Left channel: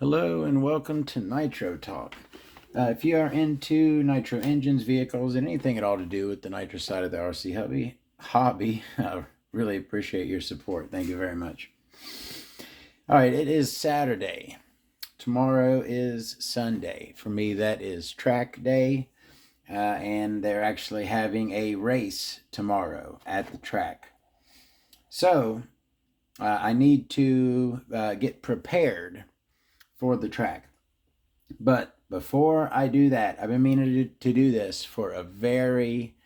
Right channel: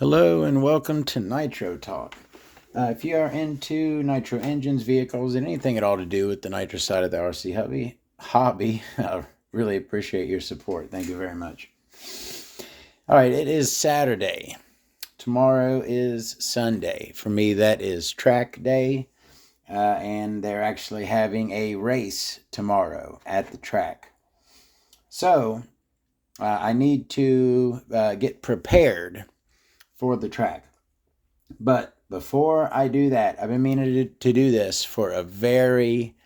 Hello and welcome to Nitro Talk. If you are into nitro engines, vehicles, and anything at all to do with the nitro side of the RC hobby, I really appreciate your support. Thank you very much. All right, it is Saturday. Tomorrow is Sunday. For me, that is track day, and they're actually having a race tomorrow at the track. So I need to get prepared for the track. But before I do that, I've been meaning to do this for a very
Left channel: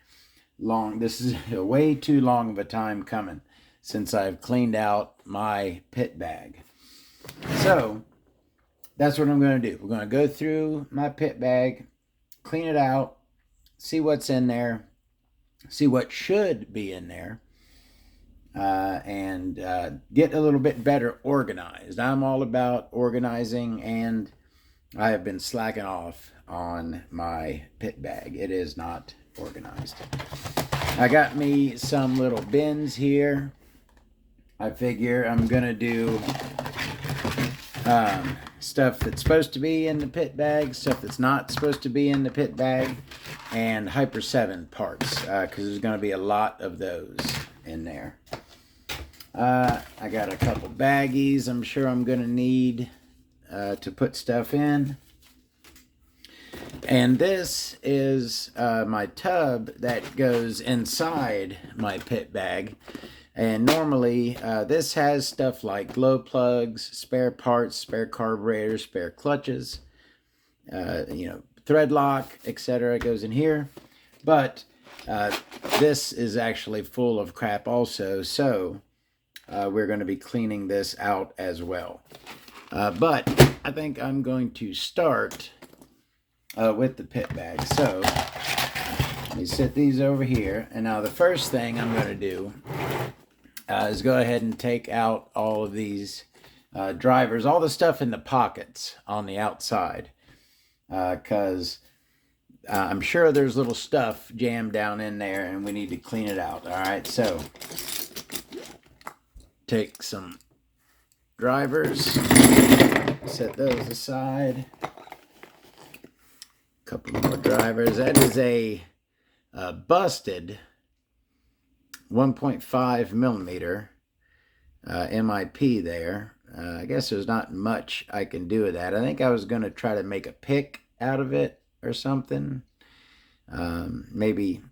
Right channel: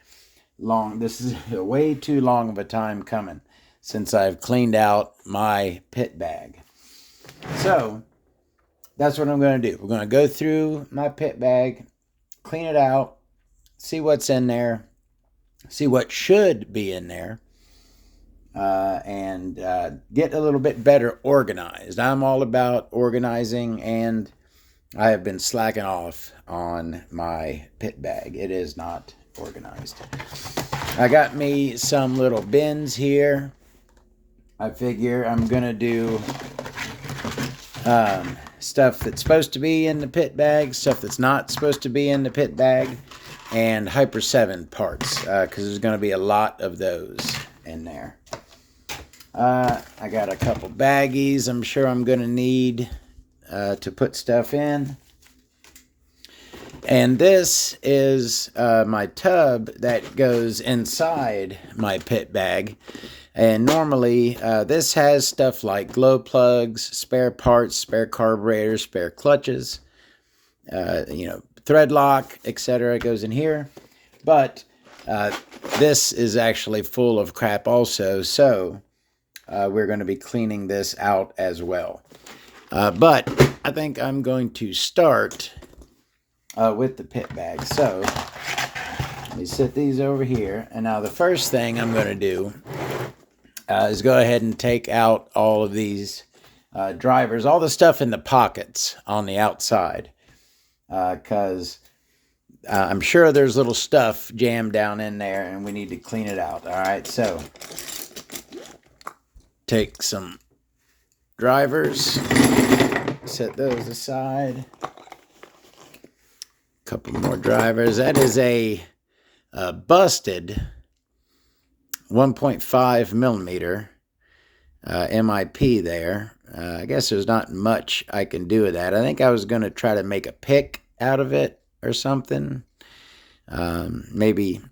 long, this is a way too long of a time coming since I've cleaned out my pit bag. So that's what I'm going to do. We're going to go through my pit bag, clean it out, see what's in there, see what should be in there, and get a little bit better organized. I'm all about organizing, and I have been slacking off on my pit bag. It is not organized. I got me some little bins here. I figure I'm going to do stuff that's supposed to be in the pit bag, stuff that's not supposed to be in the pit bag, and Hyper 7 parts, because there's going to be a lot of those in there. I got a couple baggies I'm sure I'm going to need to put stuff in. And this is my tub that goes inside my pit bag. And normally this has stuff like glow plugs, spare parts, spare carburetors, spare clutches, thread lock, etc. It goes in here. But this is actually full of crap also. So we're going to be cleaning this out as well. But I think I'm going to start with the pit bag. So let me set these over here. And now the first thing I'm going to do is go ahead and take out all of these drivers, all the stuff in the pockets on the outside, because I'm sure there's little stuff jammed down in there and we need to clean it out. All right, so take some drivers, set those aside. Couple more drivers. That is a busted 1.5 millimeter MIP there. I guess there's not much I can do with that. I think I was going to try to make a pick out of it or something. Maybe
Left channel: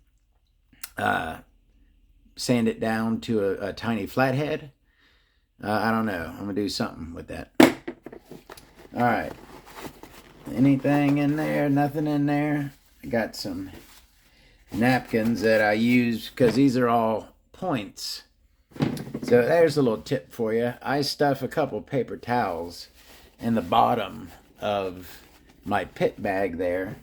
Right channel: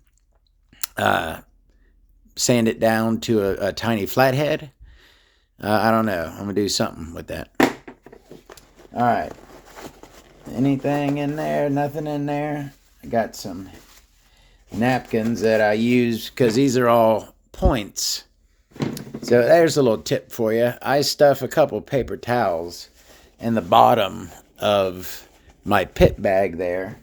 sand it down to a tiny flathead. I don't know. I'm going to do something with that. All right. Anything in there? Nothing in there. I got some napkins that I use because these are all points. So there's a little tip for you. I stuff a couple paper towels in the bottom of my pit bag there,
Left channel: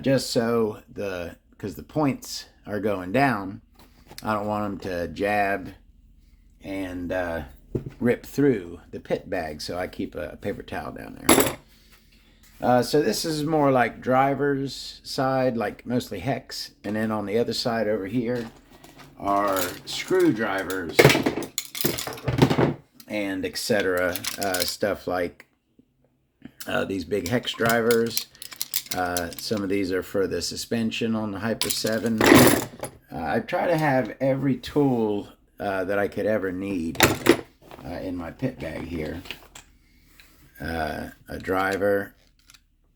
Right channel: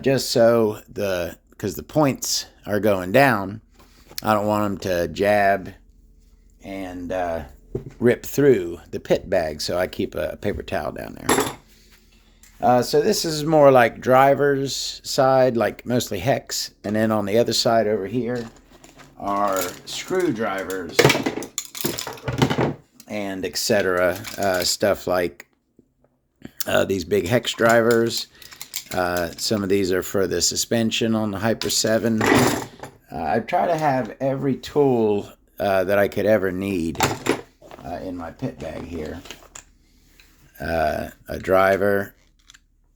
just so because the points are going down, I don't want them to jab and rip through the pit bag, so I keep a paper towel down there. So this is more like driver's side, like mostly hex. And then on the other side over here are screwdrivers and etc. Stuff like these big hex drivers. Some of these are for the suspension on the Hyper 7. I try to have every tool that I could ever need in my pit bag here. A driver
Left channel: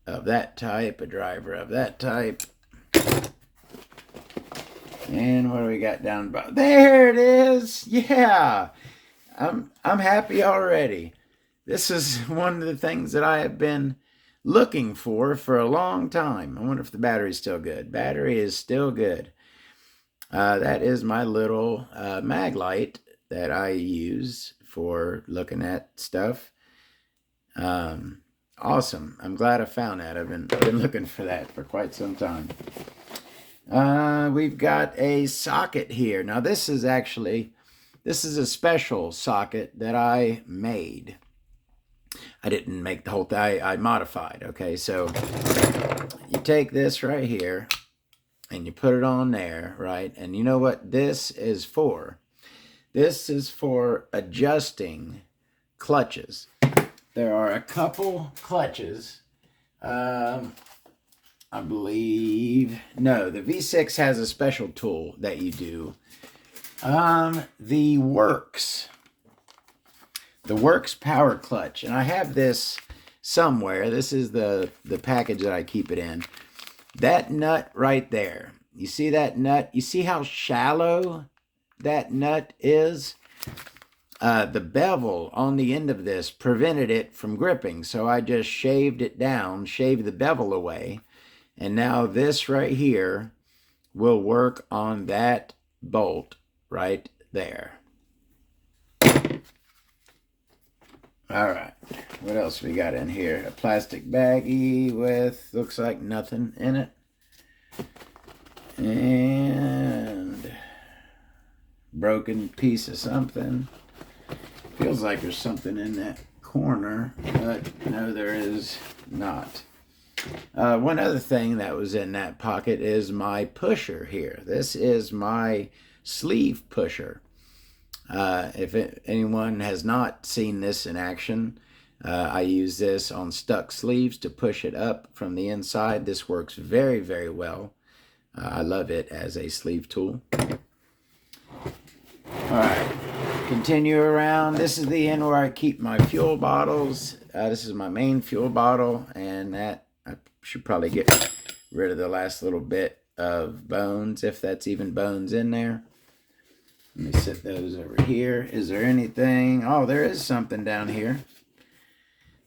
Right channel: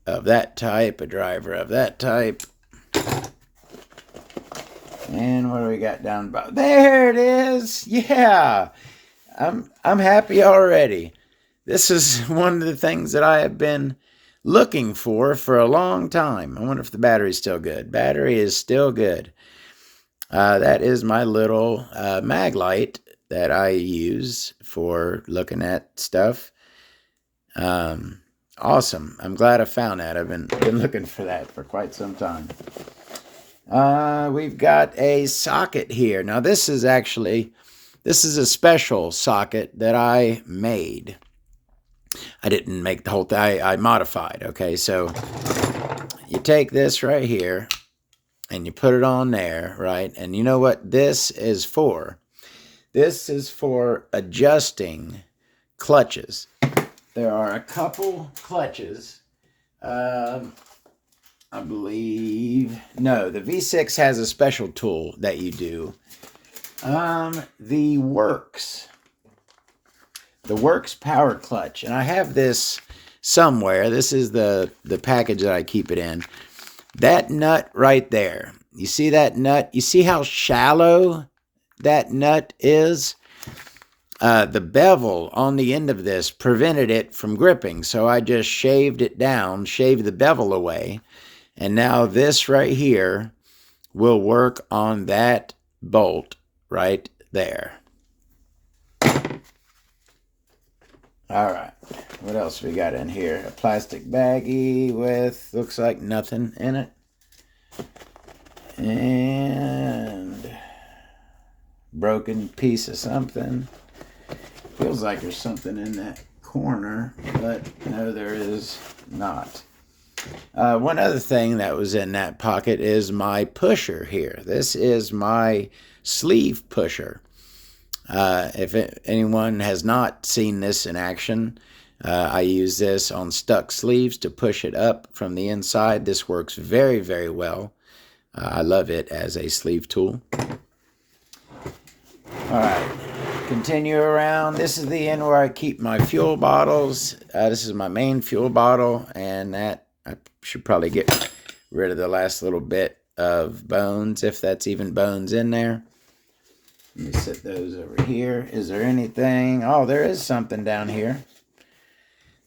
of that type, a driver of that type. And what do we got down below? There it is. Yeah. I'm happy already. This is one of the things that I have been looking for a long time. I wonder if the battery's still good. Battery is still good. That is my little mag light that I use for looking at stuff. Awesome. I'm glad I found that. I've been looking for that for quite some time. We've got a socket here. Now this is a special socket that I made. I didn't make the whole thing. I modified. Okay, so you take this right here and you put it on there, right? And you know what this is for? This is for adjusting clutches. there are a couple clutches. I believe, no, the V6 has a special tool that you do. The Works power clutch, and I have this somewhere. This is the package that I keep it in. That nut right there, you see that nut? You see how shallow that nut is? The bevel on the end of this prevented it from gripping, so I just shaved it down, shaved the bevel away, and now this right here will work on that bolt right there. All right, what else we got in here? A plastic baggie with, looks like nothing in it. And broken piece of something. Feels like there's something in that corner, but no, there is not. One other thing that was in that pocket is my pusher here. This is my sleeve pusher. If anyone has not seen this in action, I use this on stuck sleeves to push it up from the inside. This works very, very well. I love it as a sleeve tool. All right, continue around. This is the end where I keep my fuel bottles. This is my main fuel bottle, and that I should probably get rid of the last little bit of bones, if that's even bones in there. Let me set those over here. Is there anything? Oh, there is something down here.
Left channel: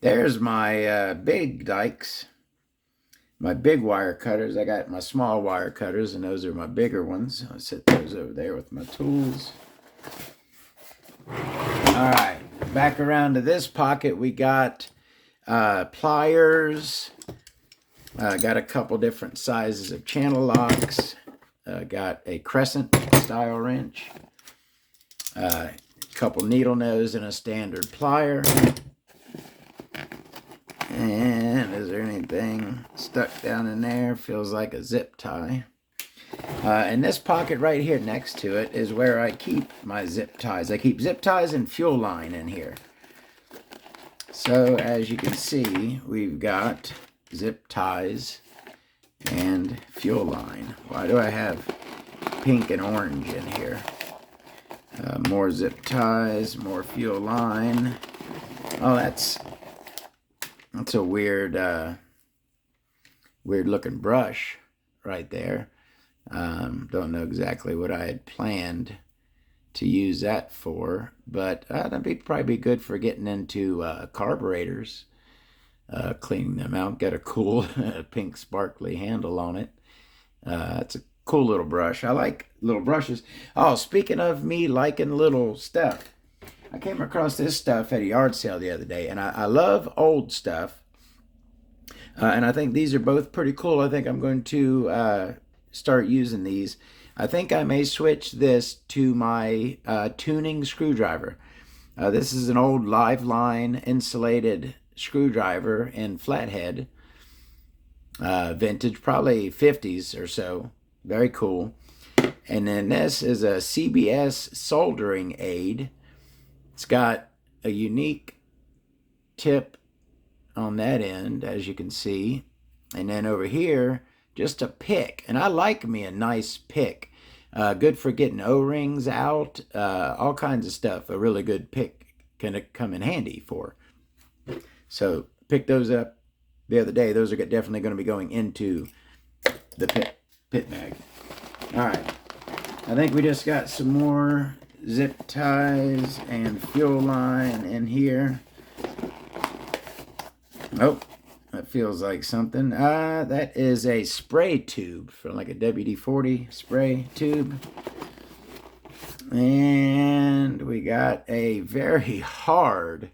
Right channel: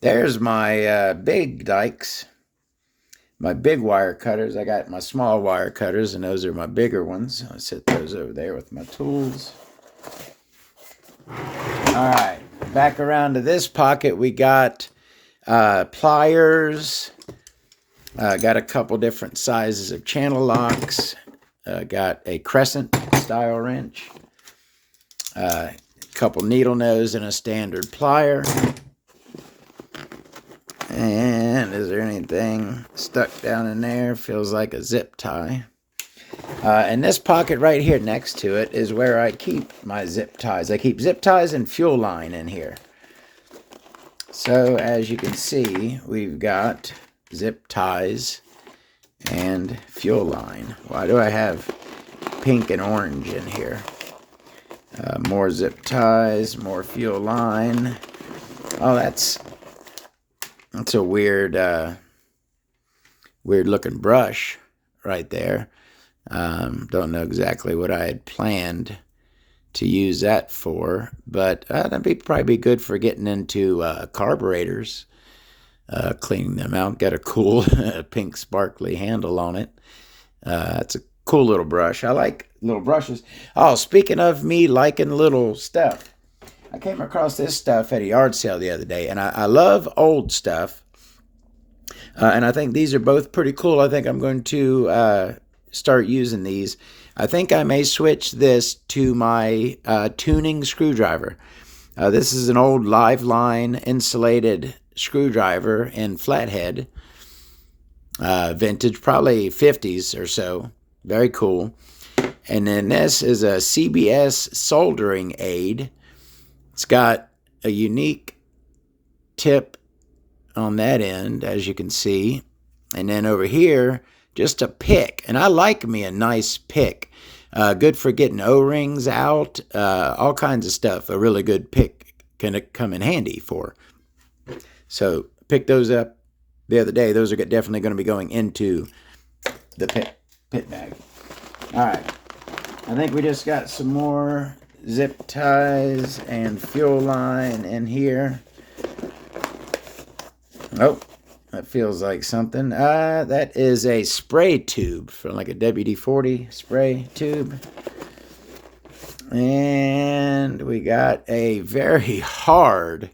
There's my big dikes, my big wire cutters. I got my small wire cutters, and those are my bigger ones. I'll set those over there with my tools. All right, back around to this pocket, we got pliers. Got a couple different sizes of channel locks. Got a crescent style wrench. A couple needle nose and a standard plier. And is there anything stuck down in there? Feels like a zip tie. And this pocket right here next to it is where I keep my zip ties. I keep zip ties and fuel line in here. So as you can see, we've got zip ties and fuel line. Why do I have pink and orange in here? More zip ties, more fuel line. Oh, that's a weird looking brush right there. Don't know exactly what I had planned to use that for, but that'd probably be good for getting into carburetors, cleaning them out. Got a cool pink sparkly handle on it. It's a cool little brush. I like little brushes. Oh, speaking of me liking little stuff, I came across this stuff at a yard sale the other day, and I love old stuff, and I think these are both pretty cool. I think I'm going to start using these. I think I may switch this to my tuning screwdriver. This is an old live line insulated screwdriver in flathead, vintage, probably 50s or so. Very cool. And then this is a CBS soldering aid. It's got a unique tip on that end, as you can see. And then over here, just a pick. And I like me a nice pick. Good for getting O-rings out, all kinds of stuff. A really good pick can come in handy for. So picked those up the other day. Those are definitely going to be going into the pit bag. All right. I think we just got some more zip ties and fuel line in here. Oh, that feels like something. That is a spray tube from like a WD-40 spray tube. And we got a very hard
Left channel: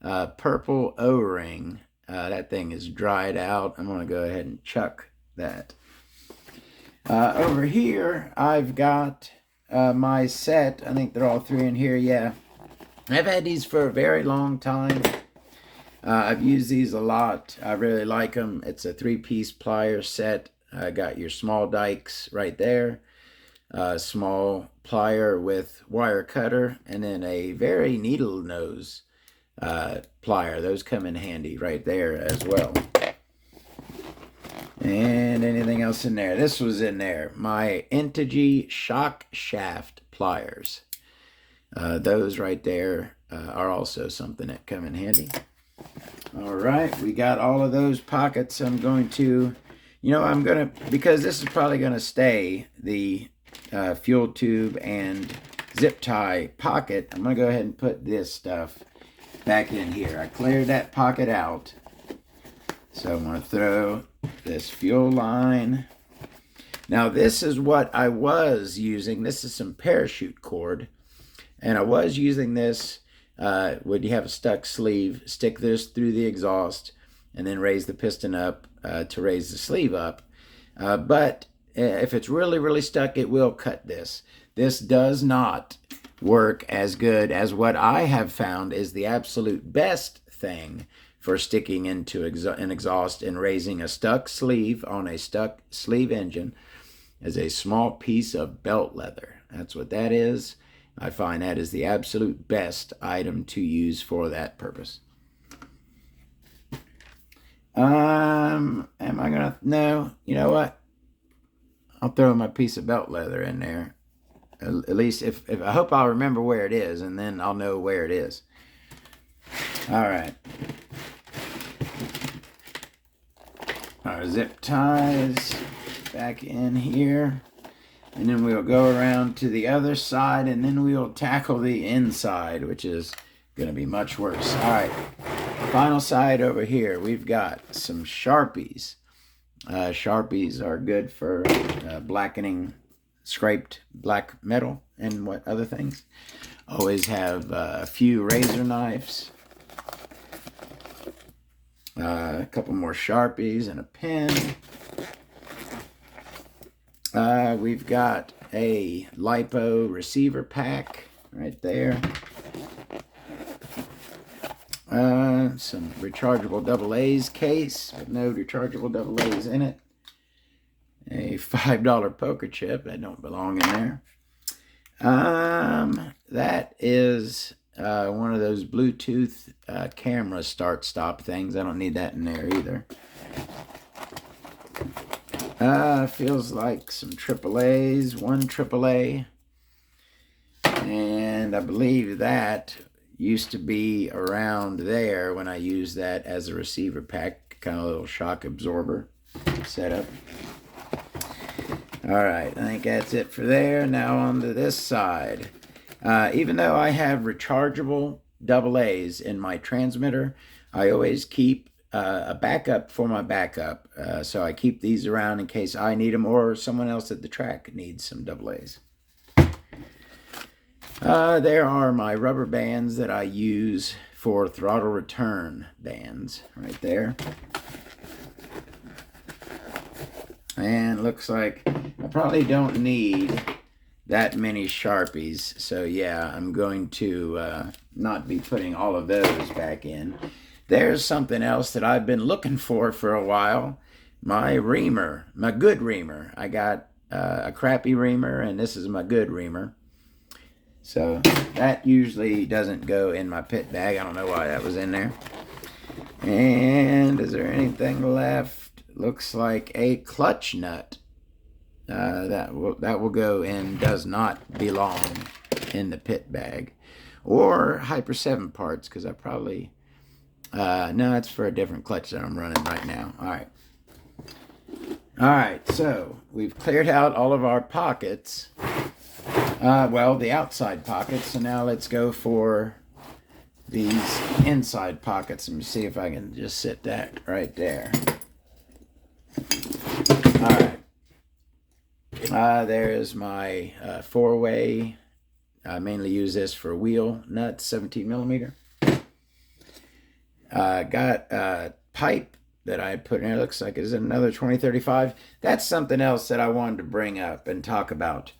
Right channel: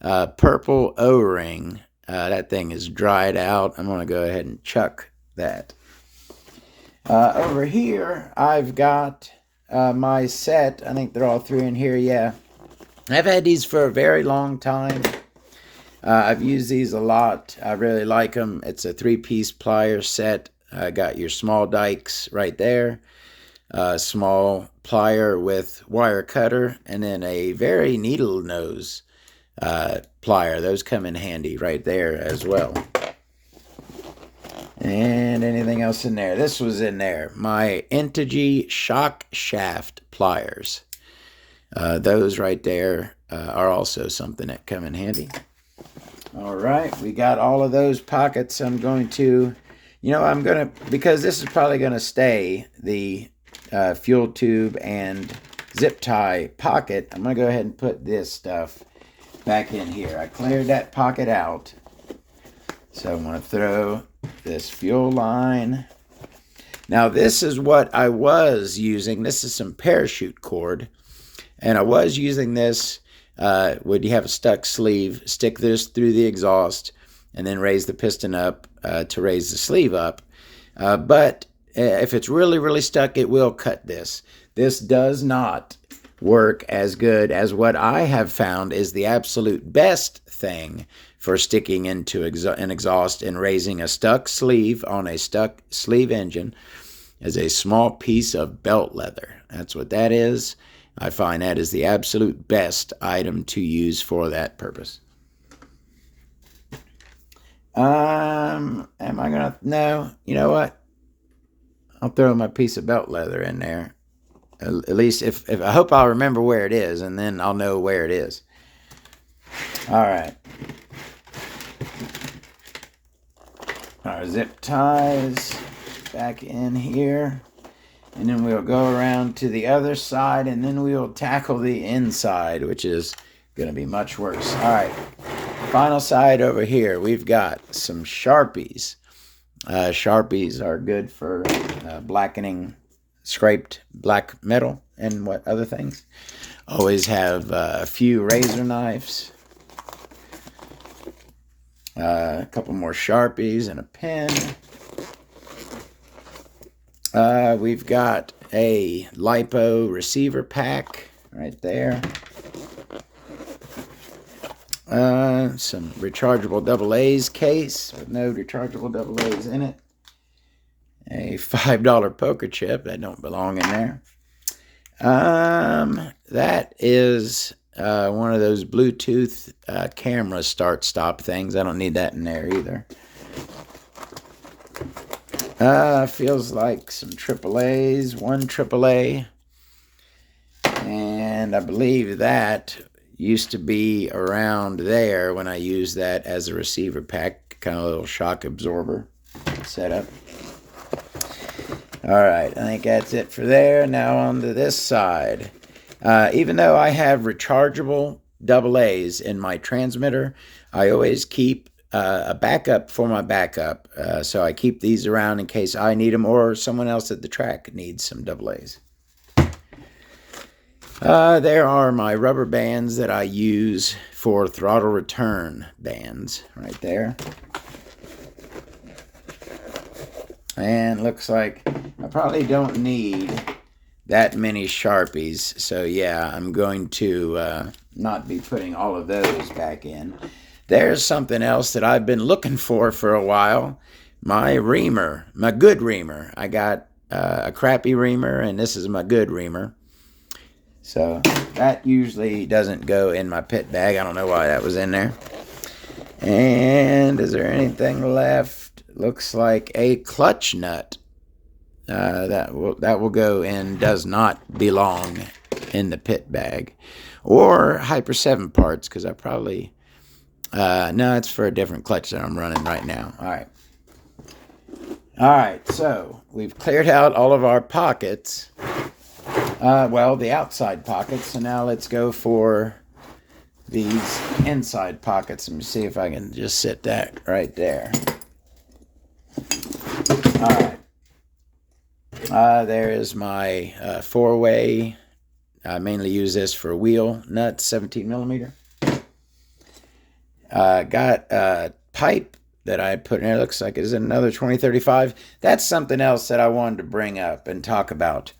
purple O-ring. That thing is dried out. I'm going to go ahead and chuck that. Over here, I've got my set. I think they're all three in here, yeah. I've had these for a very long time. I've used these a lot. I really like them. It's a 3-piece plier set. Got your small dikes right there. Small plier with wire cutter. And then a very needle nose plier. Those come in handy right there as well. And anything else in there? This was in there. My Integy shock shaft pliers. Those right there are also something that come in handy. All right, we got all of those pockets. I'm going to, because this is probably going to stay the fuel tube and zip tie pocket, I'm going to go ahead and put this stuff back in here. I cleared that pocket out. So I'm going to throw this fuel line. Now this is what I was using. This is some parachute cord. And I was using this when you have a stuck sleeve, stick this through the exhaust and then raise the piston up to raise the sleeve up. But if it's really, really stuck, it will cut this. This does not work as good as what I have found is the absolute best thing for sticking into an exhaust and raising a stuck sleeve on a stuck sleeve engine is a small piece of belt leather. That's what that is. I find that is the absolute best item to use for that purpose. Am I gonna? No, you know what? I'll throw my piece of belt leather in there. At least if I hope I'll remember where it is, and then I'll know where it is. All right. Our zip ties back in here. And then we'll go around to the other side, and then we'll tackle the inside, which is going to be much worse. All right, final side over here, we've got some Sharpies. Sharpies are good for blackening scraped black metal and what other things. Always have a few razor knives, a couple more Sharpies and a pen. We've got a LiPo receiver pack right there. Some rechargeable AA's case with no rechargeable AA's in it. A $5 poker chip that don't belong in there. That is one of those Bluetooth camera start-stop things. I don't need that in there either. Feels like some AAA's, one AAA. And I believe that used to be around there when I used that as a receiver pack, kind of a little shock absorber setup. All right, I think that's it for there. Now on to this side. Even though I have rechargeable AA's in my transmitter, I always keep a backup for my backup. So I keep these around in case I need them or someone else at the track needs some AA's. There are my rubber bands that I use for throttle return bands right there. And looks like I probably don't need that many Sharpies. So yeah, I'm going to not be putting all of those back in. There's something else that I've been looking for a while. My reamer, my good reamer. I got a crappy reamer, and this is my good reamer. So that usually doesn't go in my pit bag. I don't know why that was in there. And is there anything left? Looks like a clutch nut. That will go in, does not belong in the pit bag. Or Hyper 7 parts, because I probably... no, it's for a different clutch that I'm running right now. All right, so we've cleared out all of our pockets. Well, the outside pockets. So now let's go for these inside pockets. Let me see if I can just sit that right there. All right. There is my 4-way. I mainly use this for wheel nuts, 17 millimeter. Got a pipe that I put in there. Looks like it's another 2035. That's something else that I wanted to bring up and talk about.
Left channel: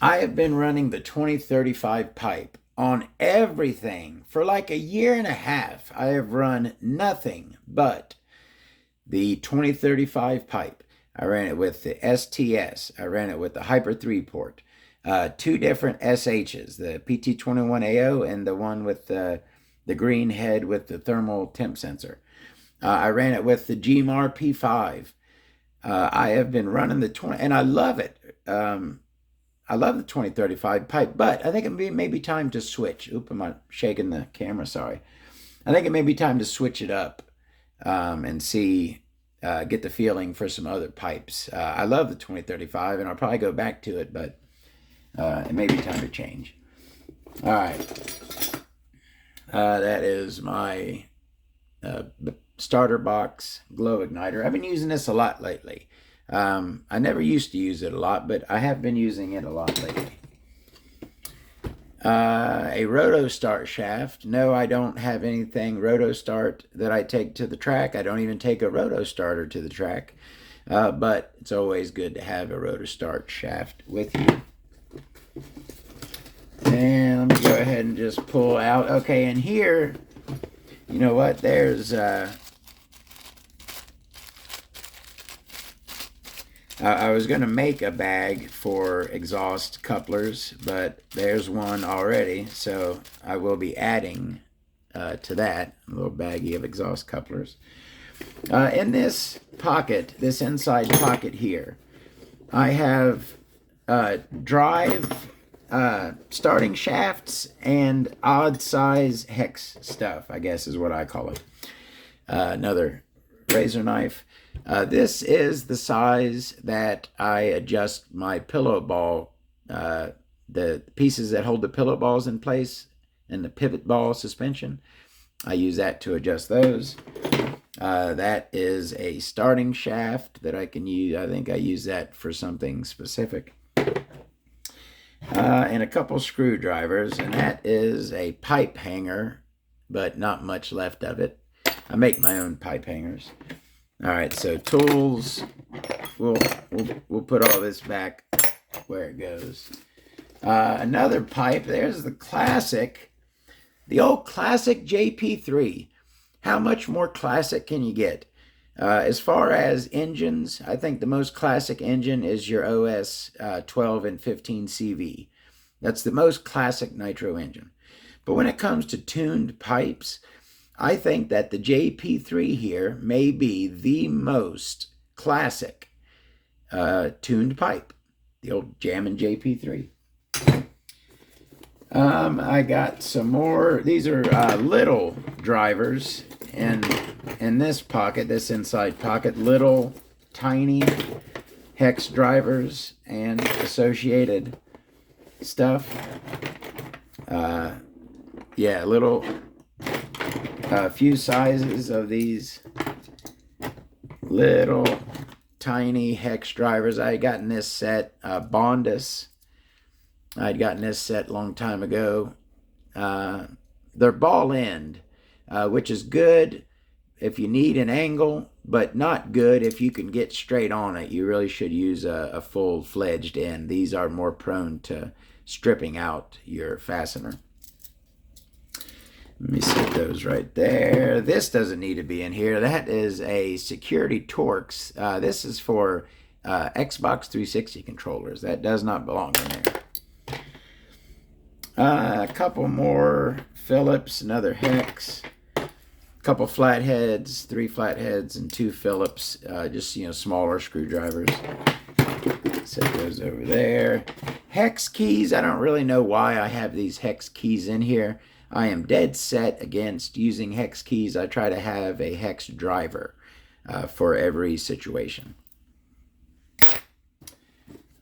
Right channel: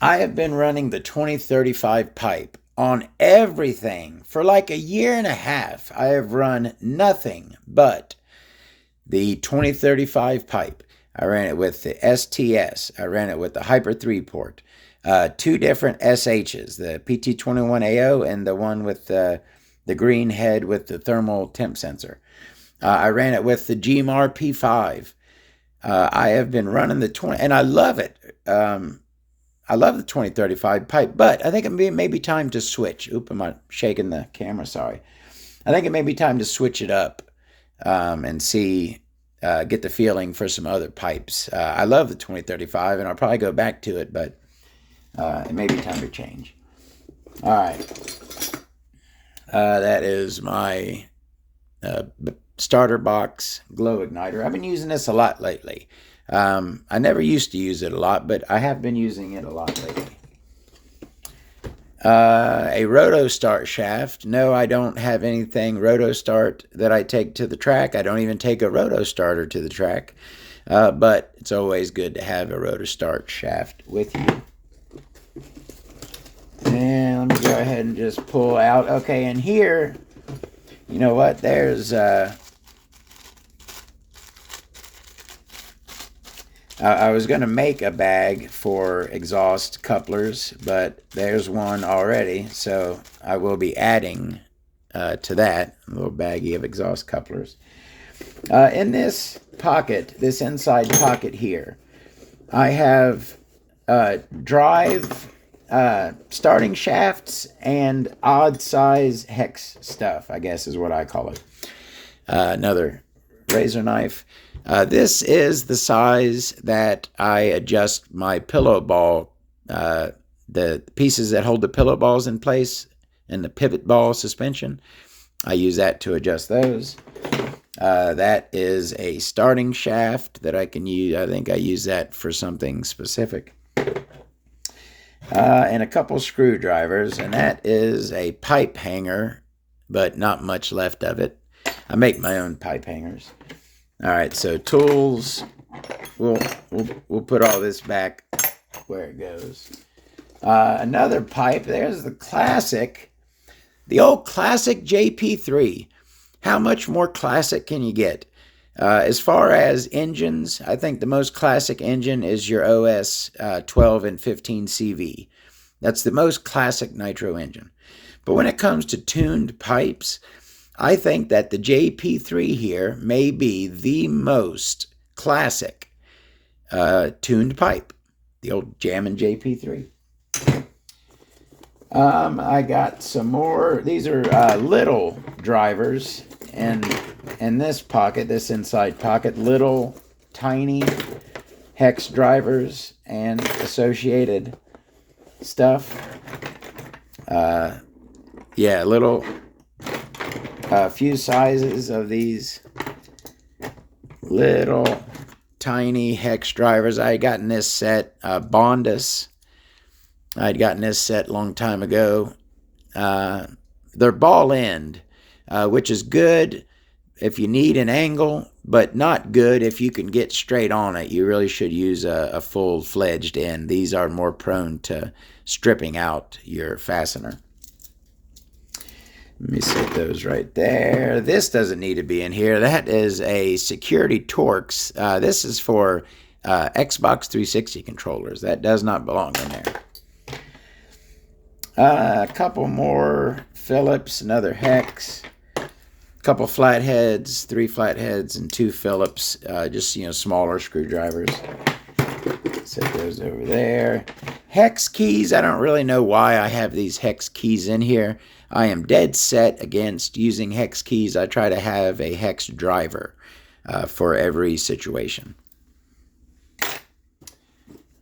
I have been running the 2035 pipe on everything for like a year and a half. I have run nothing but the 2035 pipe. I ran it with the STS. I ran it with the Hyper 3 port. 2 different SHs, the PT21AO and the one with the the green head with the thermal temp sensor. I ran it with the GMAR P5. I have been running the 20, and I love it. I love the 2035 pipe, but I think it may be time to switch. Oop, I'm shaking the camera, sorry. I think it may be time to switch it up and see, get the feeling for some other pipes. I love the 2035, and I'll probably go back to it, but it may be time to change. All right. That is my starter box glow igniter. I've been using this a lot lately. I never used to use it a lot, but I have been using it a lot lately. A roto start shaft. No, I don't have anything roto start that I take to the track. I don't even take a roto starter to the track. But it's always good to have a roto start shaft with you. And let me go ahead and just pull out. Okay, and here, you know what? There's I was going to make a bag for exhaust couplers, but there's one already, so I will be adding to that a little baggie of exhaust couplers. In this pocket, this inside pocket here, I have drive starting shafts and odd size hex stuff, I guess is what I call it. Another razor knife. This is the size that I adjust my pillow ball, the pieces that hold the pillow balls in place and the pivot ball suspension. I use that to adjust those. That is a starting shaft that I can use. I think I use that for something specific. And a couple screwdrivers, and that is a pipe hanger, but not much left of it. I make my own pipe hangers. All right, so tools, we'll put all this back where it goes. Another pipe, there's the old classic JP3. How much more classic can you get? As far as engines, I think the most classic engine is your OS 12 and 15 CV. That's the most classic nitro engine. But when it comes to tuned pipes, I think that the JP3 here may be the most classic tuned pipe, the old Jammin' JP3. I got some more. These are little drivers, and in this pocket, this inside pocket, little tiny hex drivers and associated stuff. Yeah, little. A few sizes of these little tiny hex drivers. I had gotten this set, Bondus. I'd gotten this set a long time ago. They're ball end, which is good if you need an angle, but not good if you can get straight on it. You really should use a full-fledged end. These are more prone to stripping out your fastener. Let me set those right there. This doesn't need to be in here. That is a security Torx. This is for Xbox 360 controllers. That does not belong in there. A couple more Phillips, another hex. A couple flatheads, 3 flatheads, and 2 Phillips. Just, smaller screwdrivers. Set those over there. Hex keys. I don't really know why I have these hex keys in here. I am dead set against using hex keys. I try to have a hex driver for every situation.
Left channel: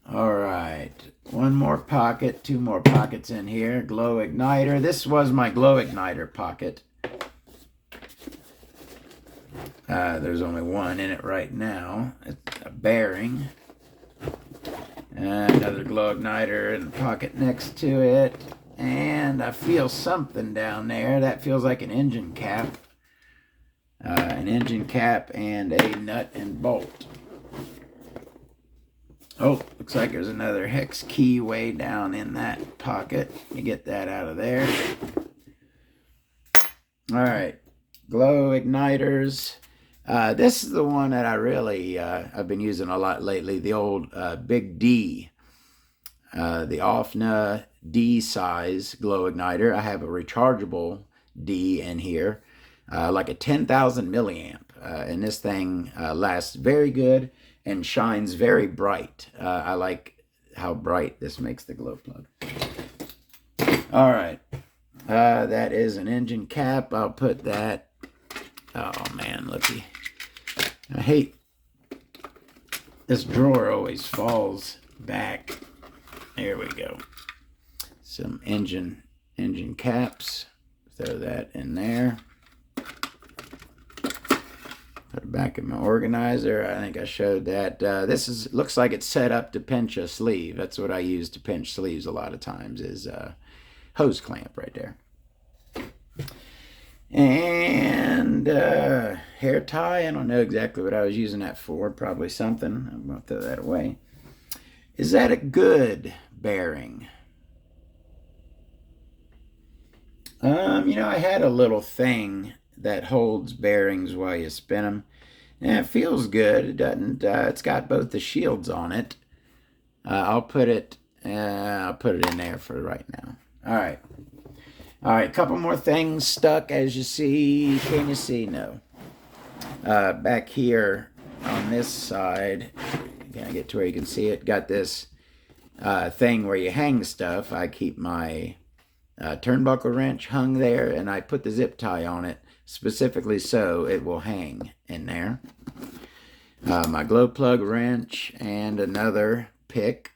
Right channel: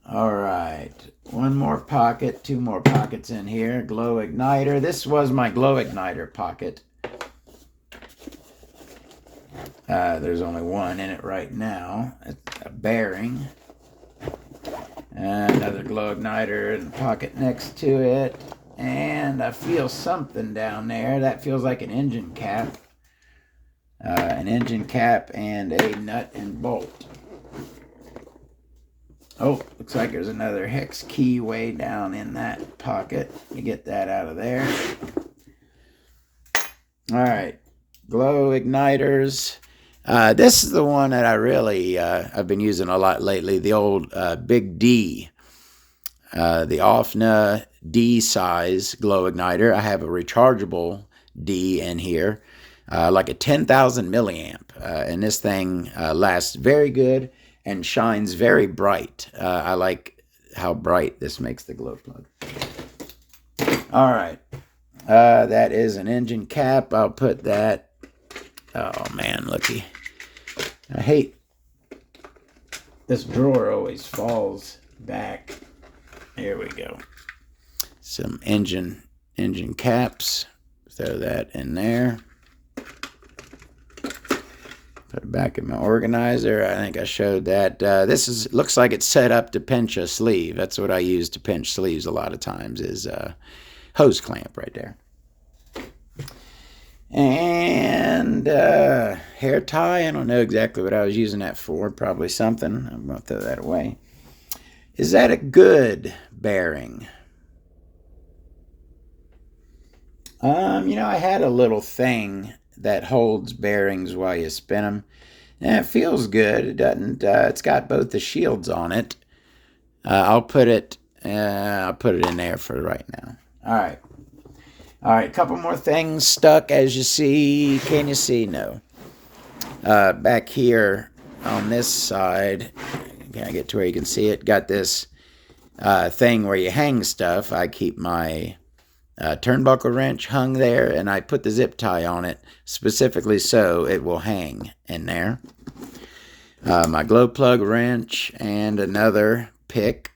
All right, one more pocket, 2 more pockets in here. Glow igniter. This was my glow igniter pocket. There's only one in it right now. It's a bearing. Another glow igniter in the pocket next to it. And I feel something down there. That feels like an engine cap. An engine cap and a nut and bolt. Oh, looks like there's another hex key way down in that pocket. You get that out of there. All right, glow igniters. This is the one that I really, I've been using a lot lately. The old Big D. The OFNA D size glow igniter. I have a rechargeable D in here, like a 10,000 milliamp. And this thing lasts very good and shines very bright. I like how bright this makes the glow plug. All right. That is an engine cap. I'll put that. Oh man, looky. I hate this drawer always falls back. There we go. Some engine caps. Throw that in there. Put it back in my organizer. I think I showed that. This looks like it's set up to pinch a sleeve. That's what I use to pinch sleeves a lot of times, is a hose clamp right there. And hair tie. I don't know exactly what I was using that for. Probably something. I'm going to throw that away. Is that a good bearing? I had a little thing that holds bearings while you spin them. And it feels good. It doesn't. It's got both the shields on it. I'll put it in there for right now. All right. Couple more things stuck, as you see. Can you see? No. Back here on this side, can I get to where you can see it? Got this thing where you hang stuff. I keep my turnbuckle wrench hung there, and I put the zip tie on it specifically so it will hang in there. My glow plug wrench and another pick.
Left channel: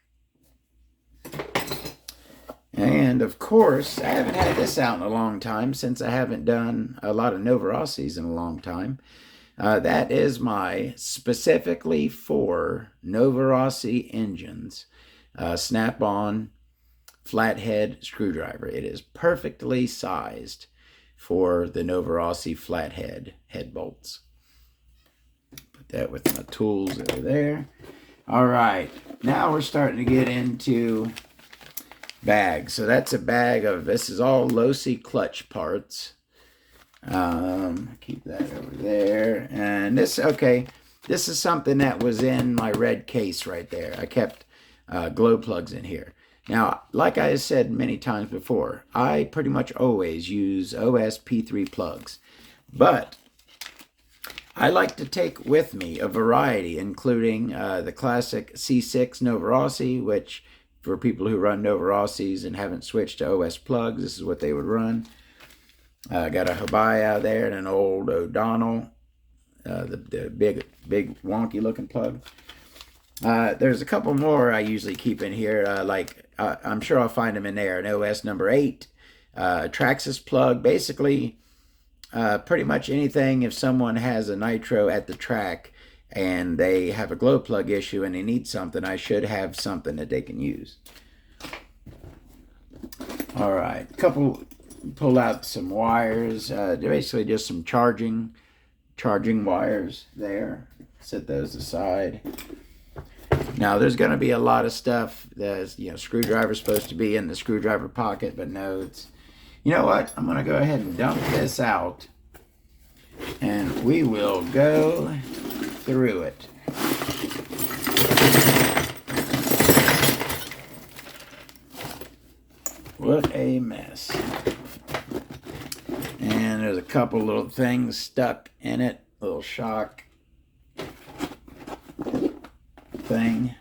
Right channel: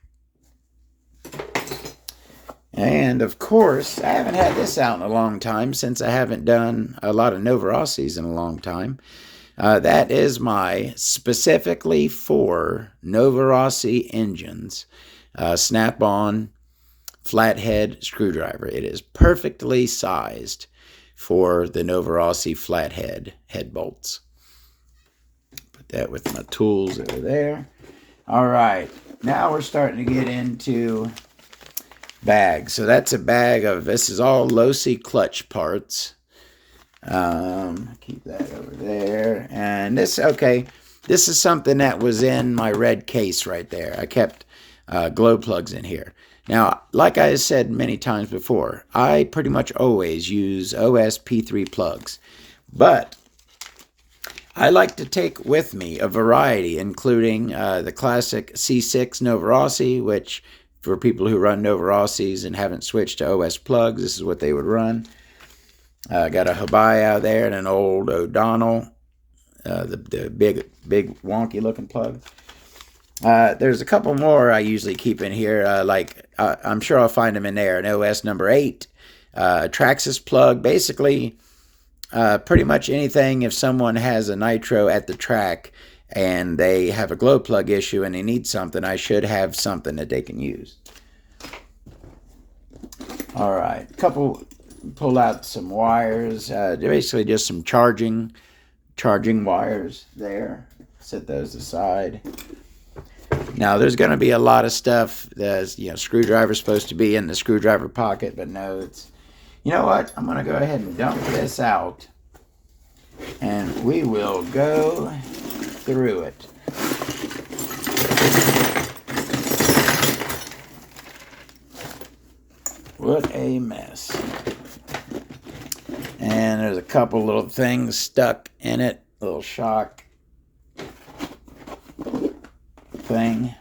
And of course, I haven't had this out in a long time, since I haven't done a lot of Nova RCs in a long time. That is my specifically for Nova RC engines snap-on flathead screwdriver. It is perfectly sized for the Nova RC flathead head bolts. Put that with my tools over there. All right, now we're starting to get into bags. So that's a bag of, this is all low-C clutch parts. Keep that over there. And this is something that was in my red case right there. I kept glow plugs in here. Now, like I said many times before, I pretty much always use OS P3 plugs, but I like to take with me a variety, including the classic C6 Nova RC, which for people who run Nova RCs and haven't switched to OS plugs, this is what they would run. Got a Habaya there and an old O'Donnell, the big wonky looking plug. There's a couple more I usually keep in here, I'm sure I'll find them in there. An OS number 8, a Traxxas plug, basically pretty much anything. If someone has a Nitro at the track and they have a glow plug issue and they need something, I should have something that they can use. All right, pull out some wires, basically just some charging wires there. Set those aside. Now, there's going to be a lot of stuff that's, screwdriver's supposed to be in the screwdriver pocket, but no, it's, you know what? I'm going to go ahead and dump this out, and we will go through it. What a mess. And there's a couple little things stuck in it, little shock thing,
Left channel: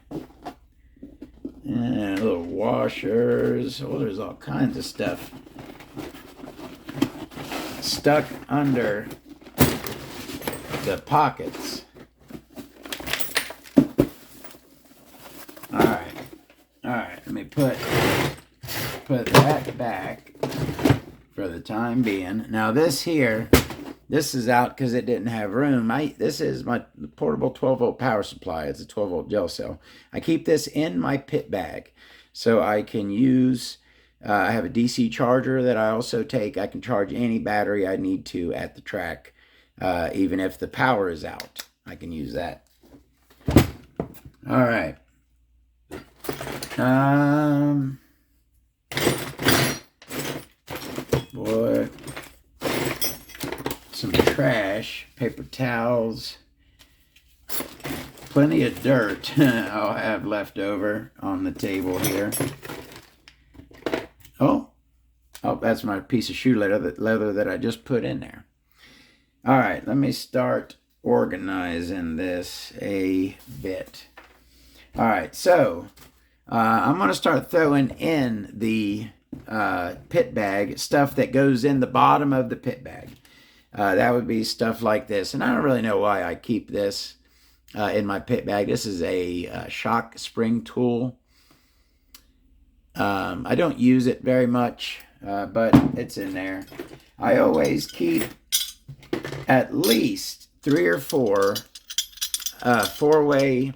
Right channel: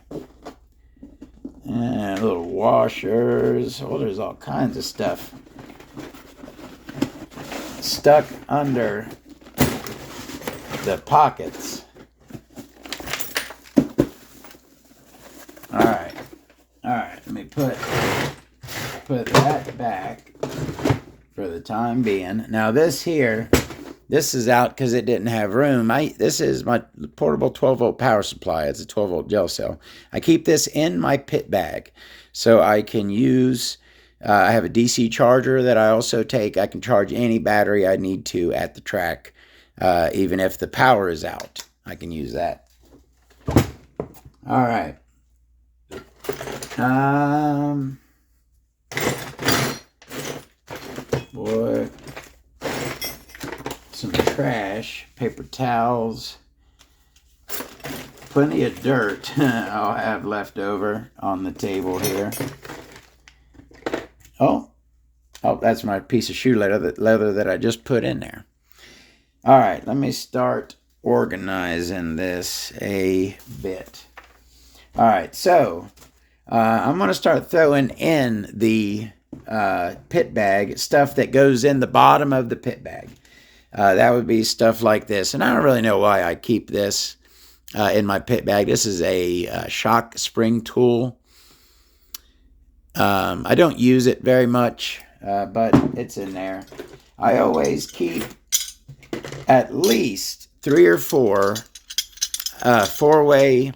and little washers. Oh, there's all kinds of stuff stuck under the pockets. All right, let me put that back for the time being. Now this is out because it didn't have room. This is my portable 12-volt power supply. It's a 12-volt gel cell. I keep this in my pit bag so I can use, I have a DC charger that I also take. I can charge any battery I need to at the track, even if the power is out. I can use that. All right. Boy. Some trash, paper towels, plenty of dirt I'll have left over on the table here. Oh, Oh, that's my piece of shoe leather that I just put in there. All right, let me start organizing this a bit. All right, so I'm going to start throwing in the pit bag stuff that goes in the bottom of the pit bag. That would be stuff like this. And I don't really know why I keep this in my pit bag. This is a shock spring tool. I don't use it very much, but it's in there. I always keep at least 3 or 4 4-way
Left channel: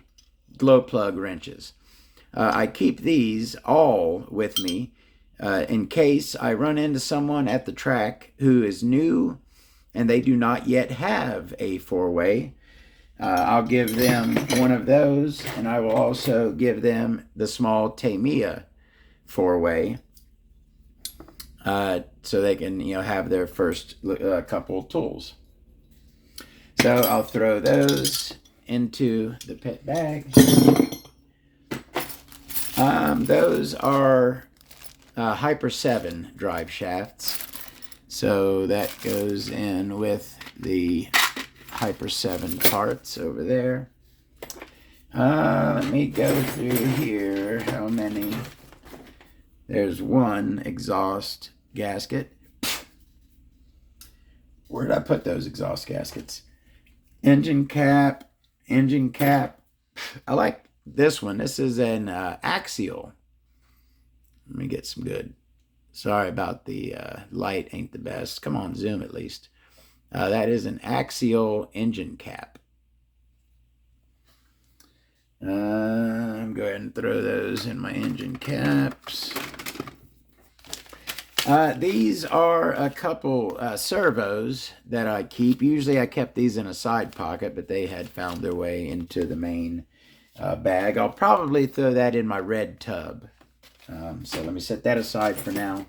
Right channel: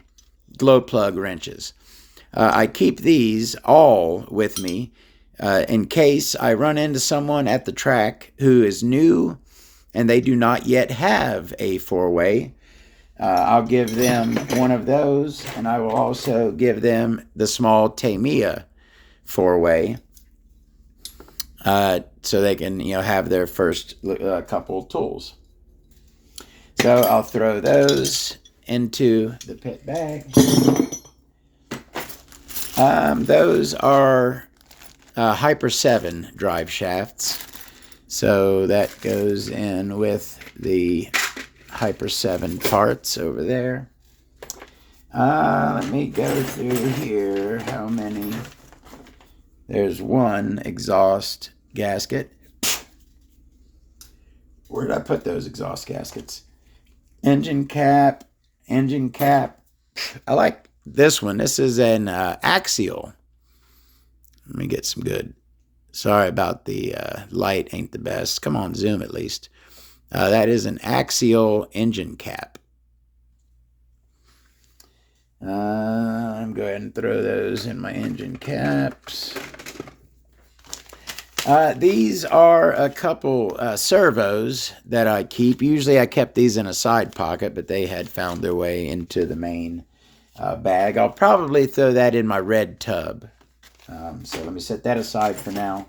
glow plug wrenches. I keep these all with me in case I run into someone at the track who is new and they do not yet have a 4-way. I'll give them one of those, and I will also give them the small Tamiya 4-way so they can, have their first couple tools. So I'll throw those into the pit bag. Those are Hyper 7 drive shafts. So that goes in with the Hyper 7 parts over there. Let me go through here. How many? There's one exhaust gasket. Where did I put those exhaust gaskets? Engine cap. I like this one. This is an axial. Let me get some good. Sorry about the light ain't the best. Come on, zoom at least. That is an axial engine cap. I'm going to throw those in my engine caps. These are a couple servos that I keep. Usually I kept these in a side pocket, but they had found their way into the main bag. I'll probably throw that in my red tub. So let me set that aside for now.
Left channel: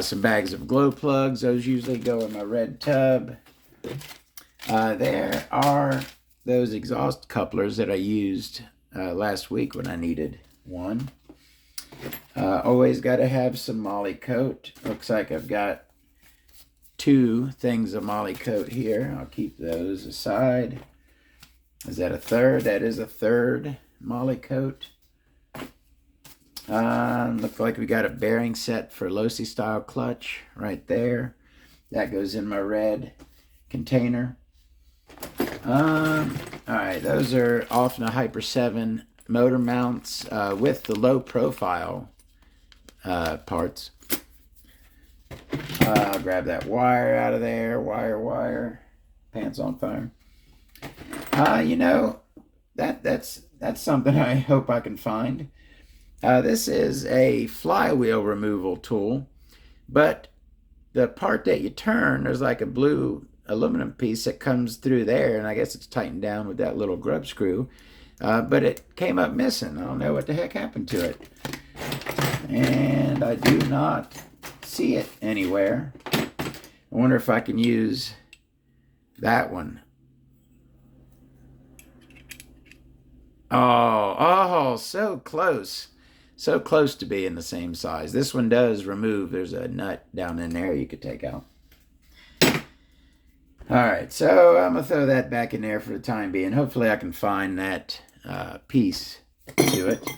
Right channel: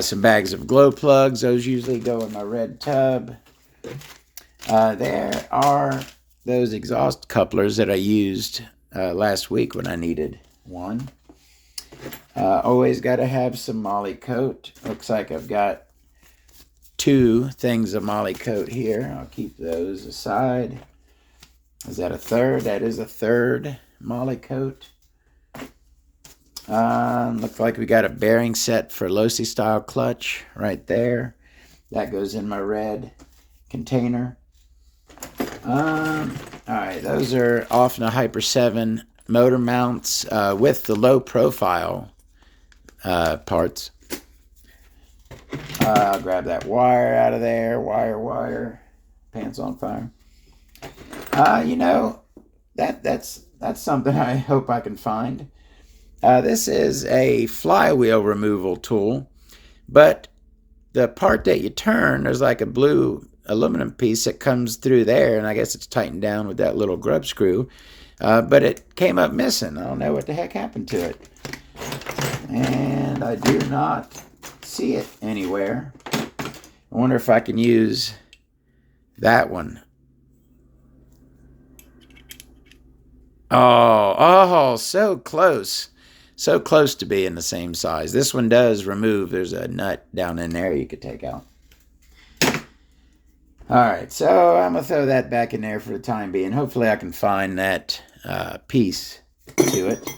Some bags of glow plugs. Those usually go in my red tub. There are those exhaust couplers that I used last week when I needed one. Always got to have some Molly coat. Looks like I've got 2 things of Molly coat here. I'll keep those aside. Is that a third? That is a third Molly coat. Looks like we got a bearing set for Losi style clutch right there. That goes in my red container. All right, those are off in a Hyper 7 motor mounts with the low profile parts. Grab that wire out of there. Wire. Pants on fire. That's something I hope I can find. This is a flywheel removal tool, but the part that you turn, there's like a blue aluminum piece that comes through there, and I guess it's tightened down with that little grub screw, but it came up missing. I don't know what the heck happened to it, and I do not see it anywhere. I wonder if I can use that one. Oh, so close. So close to being the same size. This one does remove. There's a nut down in there you could take out. All right, so I'm going to throw that back in there for the time being. Hopefully I can find that piece to it.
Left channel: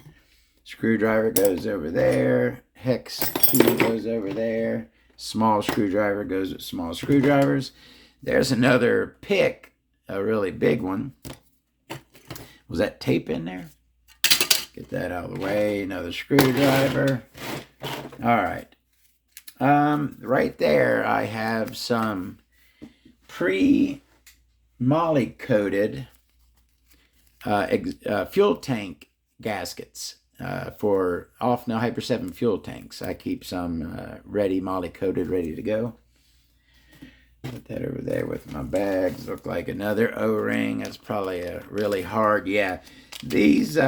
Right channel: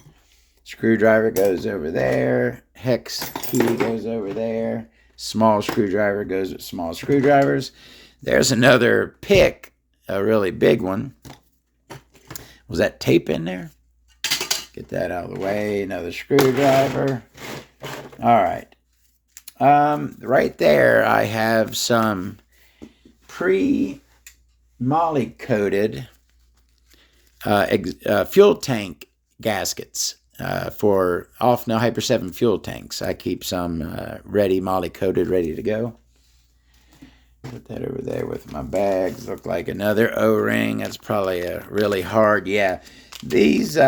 Screwdriver goes over there. Hex key goes over there. Small screwdriver goes with small screwdrivers. There's another pick, a really big one. Was that tape in there? Get that out of the way. Another screwdriver. All right. Right there, I have some pre-moly coated fuel tank gaskets for off-now Hyper 7 fuel tanks. I keep some ready, moly coated, ready to go. Put that over there with my bags. Look like another O-ring. That's probably a really hard. Yeah, these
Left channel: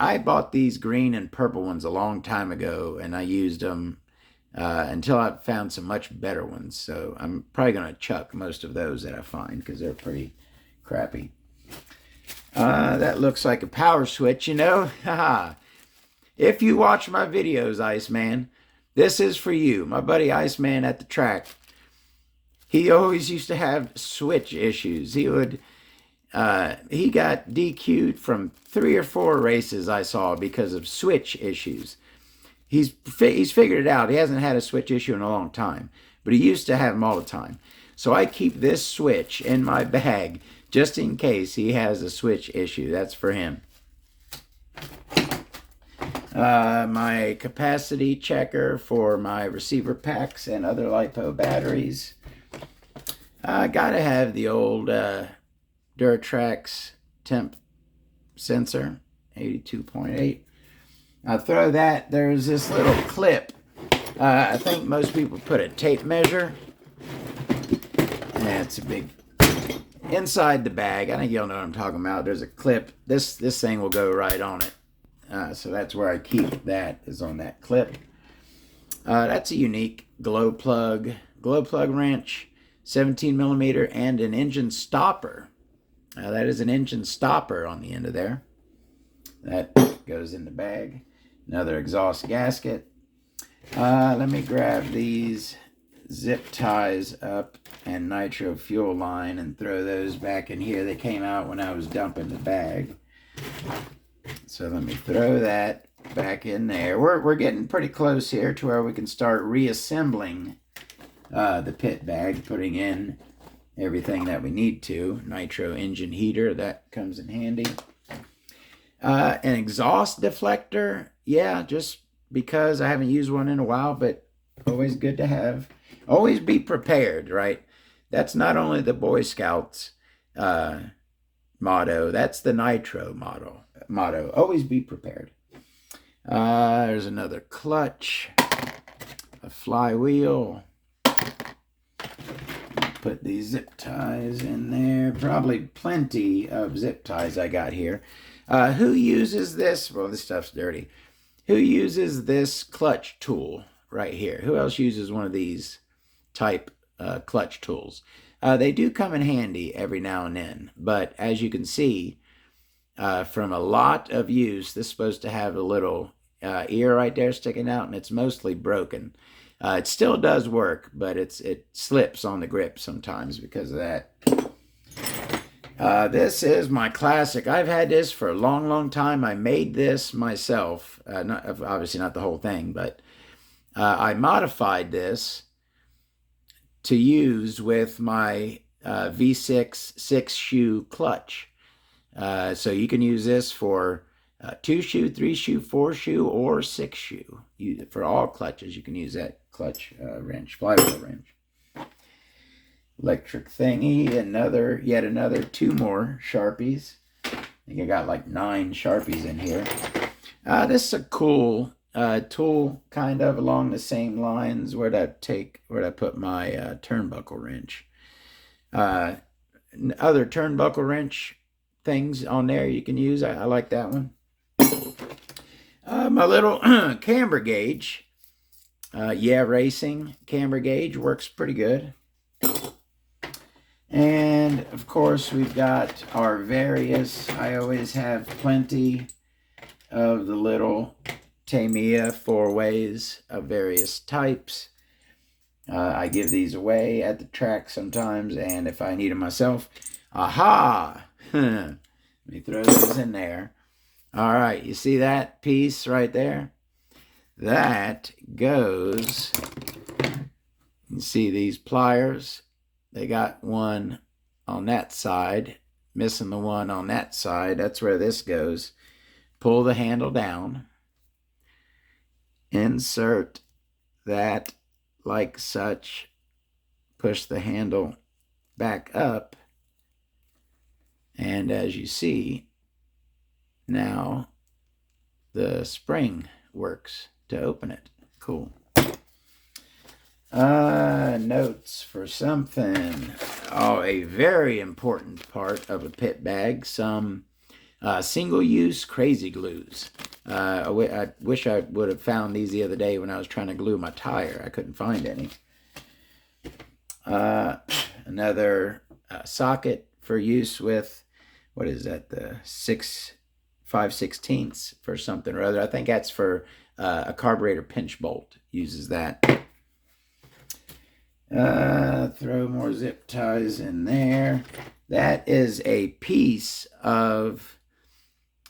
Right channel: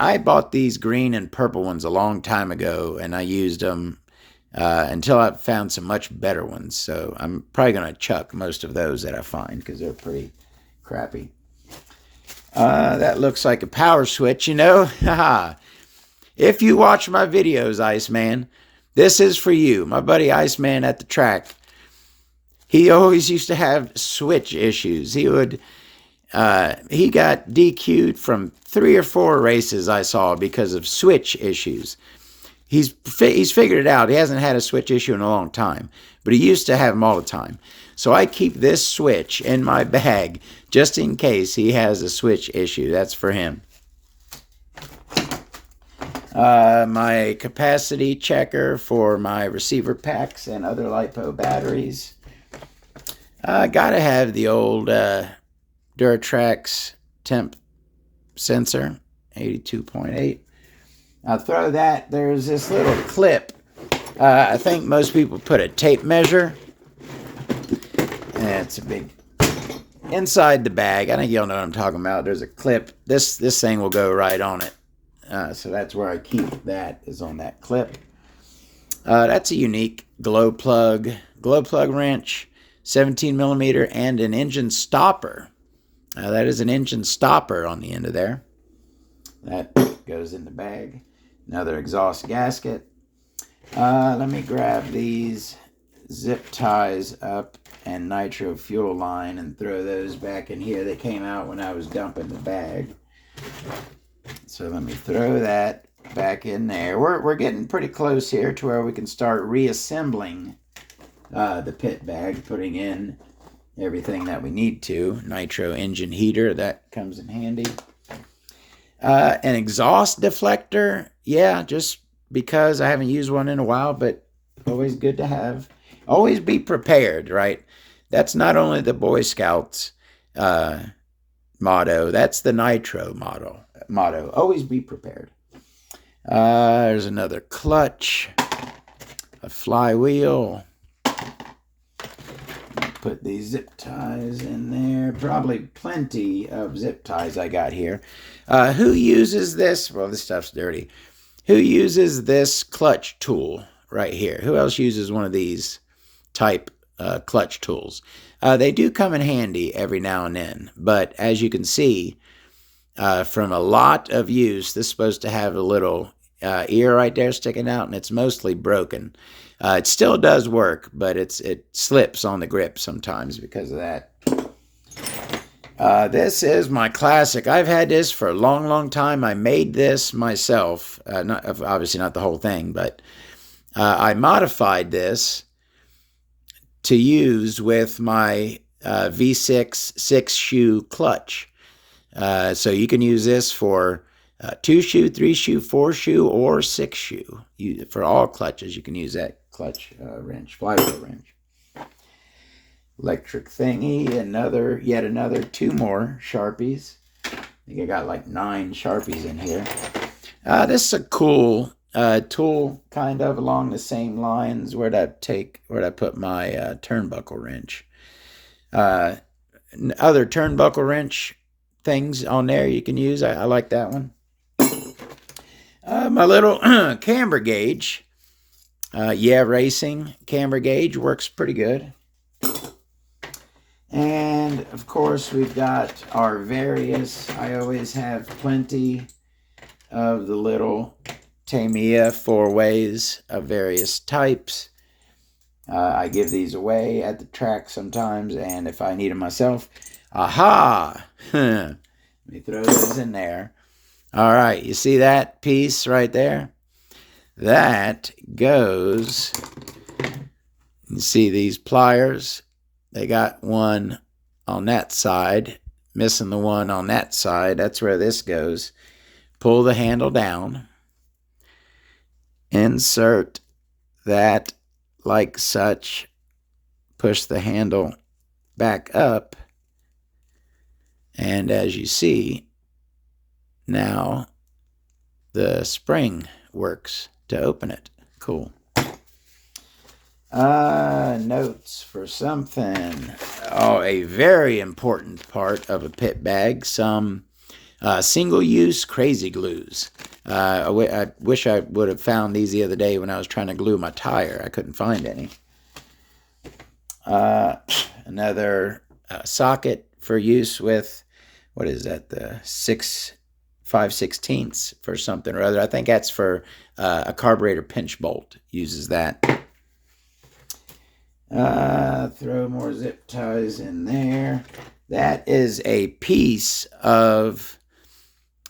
I bought these green and purple ones a long time ago, and I used them until I found some much better ones. So I'm probably going to chuck most of those that I find because they're pretty crappy. That looks like a power switch, you know. If you watch my videos, Iceman, This is for you. My buddy Iceman at the track, he always used to have switch issues. He got DQ'd from 3 or 4 races I saw because of switch issues. He's figured it out. He hasn't had a switch issue in a long time, but he used to have them all the time. So I keep this switch in my bag just in case he has a switch issue. That's for him. My capacity checker for my receiver packs and other LiPo batteries. I gotta have the old Duratrax temp sensor, 82.8. I'll throw that. There's this little clip. I think most people put a tape measure. And it's a big inside the bag. I think y'all know what I'm talking about. There's a clip. This thing will go right on it. So that's where I keep that, is on that clip. That's a unique glow plug wrench, 17 millimeter, and an engine stopper. That is an engine stopper on the end of there. That goes in the bag. Another exhaust gasket. Let me grab these zip ties up and nitro fuel line and throw those back in here. They came out when I was dumping the bag. So let me throw that back in there. We're getting pretty close here to where we can start reassembling the pit bag, putting in everything that we need to. Nitro engine heater, that comes in handy. An exhaust deflector, yeah, just because I haven't used one in a while, but always good to have. Always be prepared, right? That's not only the Boy Scouts motto, that's the Nitro motto. Always be prepared. There's another clutch, a flywheel. Put these zip ties in there. Probably plenty of zip ties I got here. Who uses this? Well, this stuff's dirty. Who uses this clutch tool right here? Who else uses one of these type clutch tools? They do come in handy every now and then, but as you can see, from a lot of use, this is supposed to have a little ear right there sticking out, and it's mostly broken. It still does work, but it slips on the grip sometimes because of that. This is my classic. I've had this for a long, long time. I made this myself. Obviously not the whole thing, but I modified this to use with my V6 6-shoe clutch. So you can use this for 2-shoe, 3-shoe, 4-shoe, or 6-shoe. For all clutches, you can use that clutch wrench, flywheel wrench. Electric thingy, yet another 2 more Sharpies. I think I got like 9 Sharpies in here. This is a cool tool, kind of along the same lines. Where'd I put my turnbuckle wrench? Other turnbuckle wrench things on there you can use. I like that one. My little camber gauge. Racing camber gauge works pretty good. And of course we've got our various, I always have plenty of the little Tamiya 4-ways of various types. I give these away at the track sometimes, and if I need them myself, aha! Let me throw those in there. All right, you see that piece right there? That goes, you see these pliers? They got one on that side, missing the one on that side. That's where this goes. Pull the handle down. Insert that like such. Push the handle back up. And as you see, now the spring works to open it. Cool. Notes for something. Oh, a very important part of a pit bag. Some single-use crazy glues. I wish I would have found these the other day when I was trying to glue my tire. I couldn't find any. Another socket for use with, what is that, the 6 5/16 for something or other. I think that's for a carburetor pinch bolt. Uses that. Throw more zip ties in there. That is a piece of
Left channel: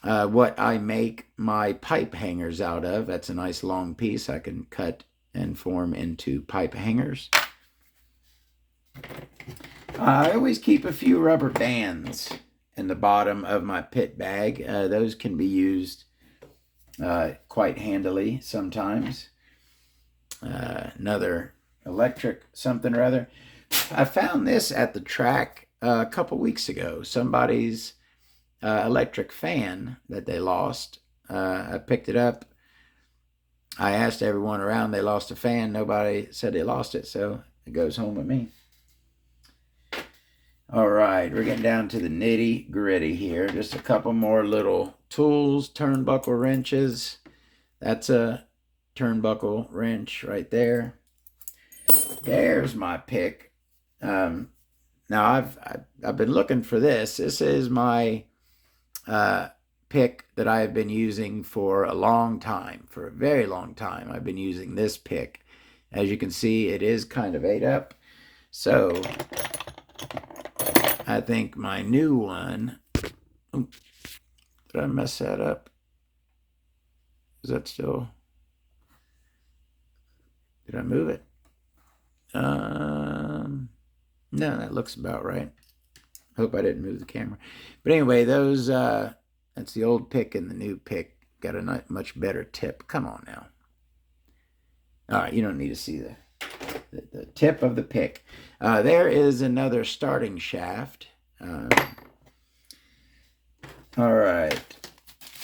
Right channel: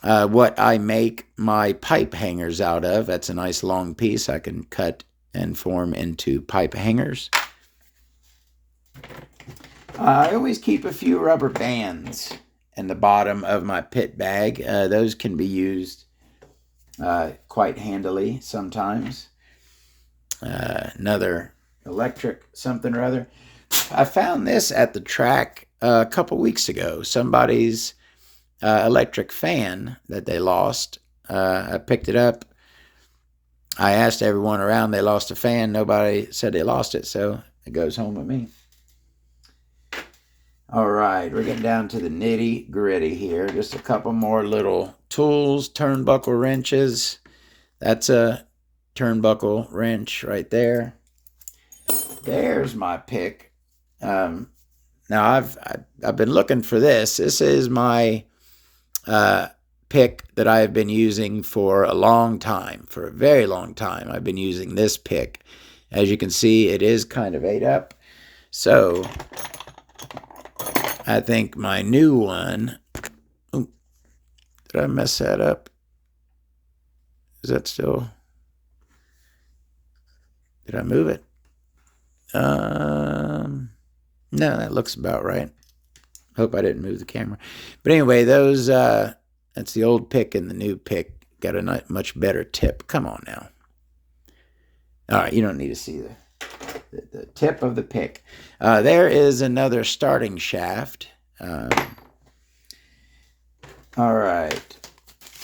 what I make my pipe hangers out of. That's a nice long piece I can cut and form into pipe hangers. I always keep a few rubber bands in the bottom of my pit bag. Those can be used quite handily sometimes. Another electric something or other. I found this at the track a couple weeks ago. Somebody's electric fan that they lost. I picked it up. I asked everyone around, they lost a fan. Nobody said they lost it, so it goes home with me. All right, we're getting down to the nitty gritty here. Just a couple more little tools, turnbuckle wrenches. That's a turnbuckle wrench right there. There's my pick. Now I've been looking for this. This is my pick that I have been using for a long time, for a very long time. I've been using this pick. As you can see, it is kind of ate up. So I think my new one, did I mess that up? Is that still, did I move it? No, that looks about right. Hope I didn't move the camera. But anyway, those, that's the old pick and the new pick. Got a much better tip. Come on now. All right, you don't need to see the tip of the pick. There is another starting shaft. All right.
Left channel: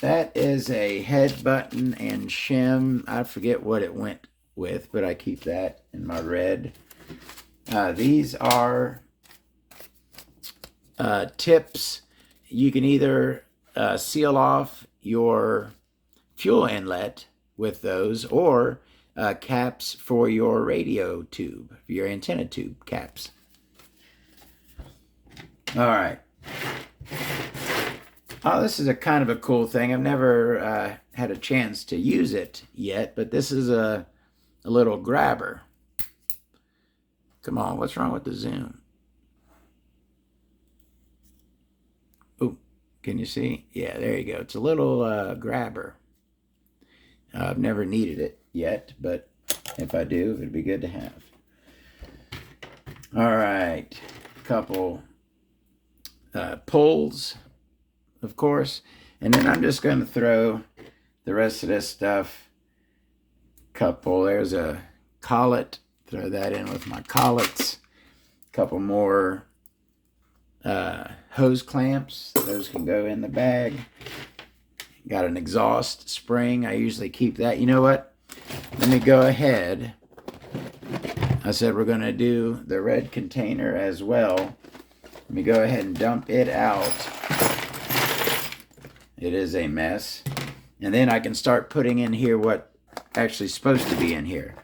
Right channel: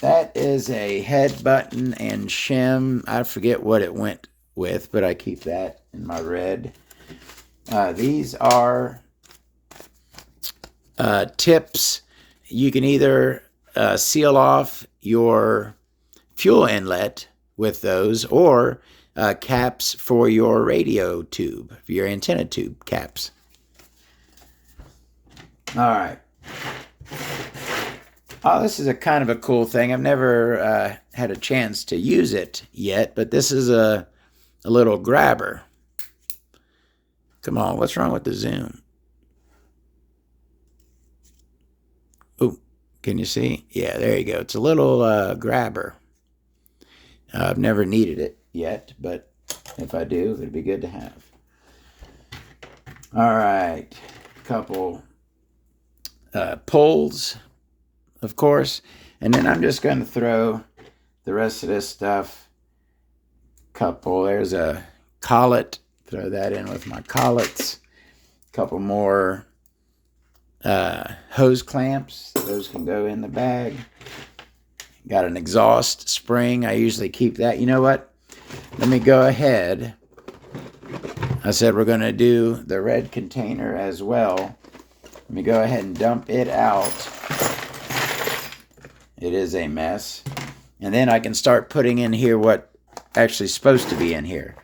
That is a head button and shim. I forget what it went with, but I keep that in my red. These are tips. You can either seal off your fuel inlet with those, or caps for your radio tube, for your antenna tube caps. All right. Oh, this is a kind of a cool thing. I've never had a chance to use it yet, but this is a little grabber. Come on, what's wrong with the zoom? Oh, can you see? Yeah, there you go. It's a little grabber. I've never needed it yet, but if I do, it'd be good to have. All right, couple pulls, of course, and then I'm just going to throw the rest of this stuff. There's a collet, throw that in with my collets. Couple more hose clamps, those can go in the bag. Got an exhaust spring, I usually keep that. You know what? Let me go ahead. I said we're going to do the red container as well. Let me go ahead and dump it out. It is a mess. And then I can start putting in here what actually is supposed to be in here.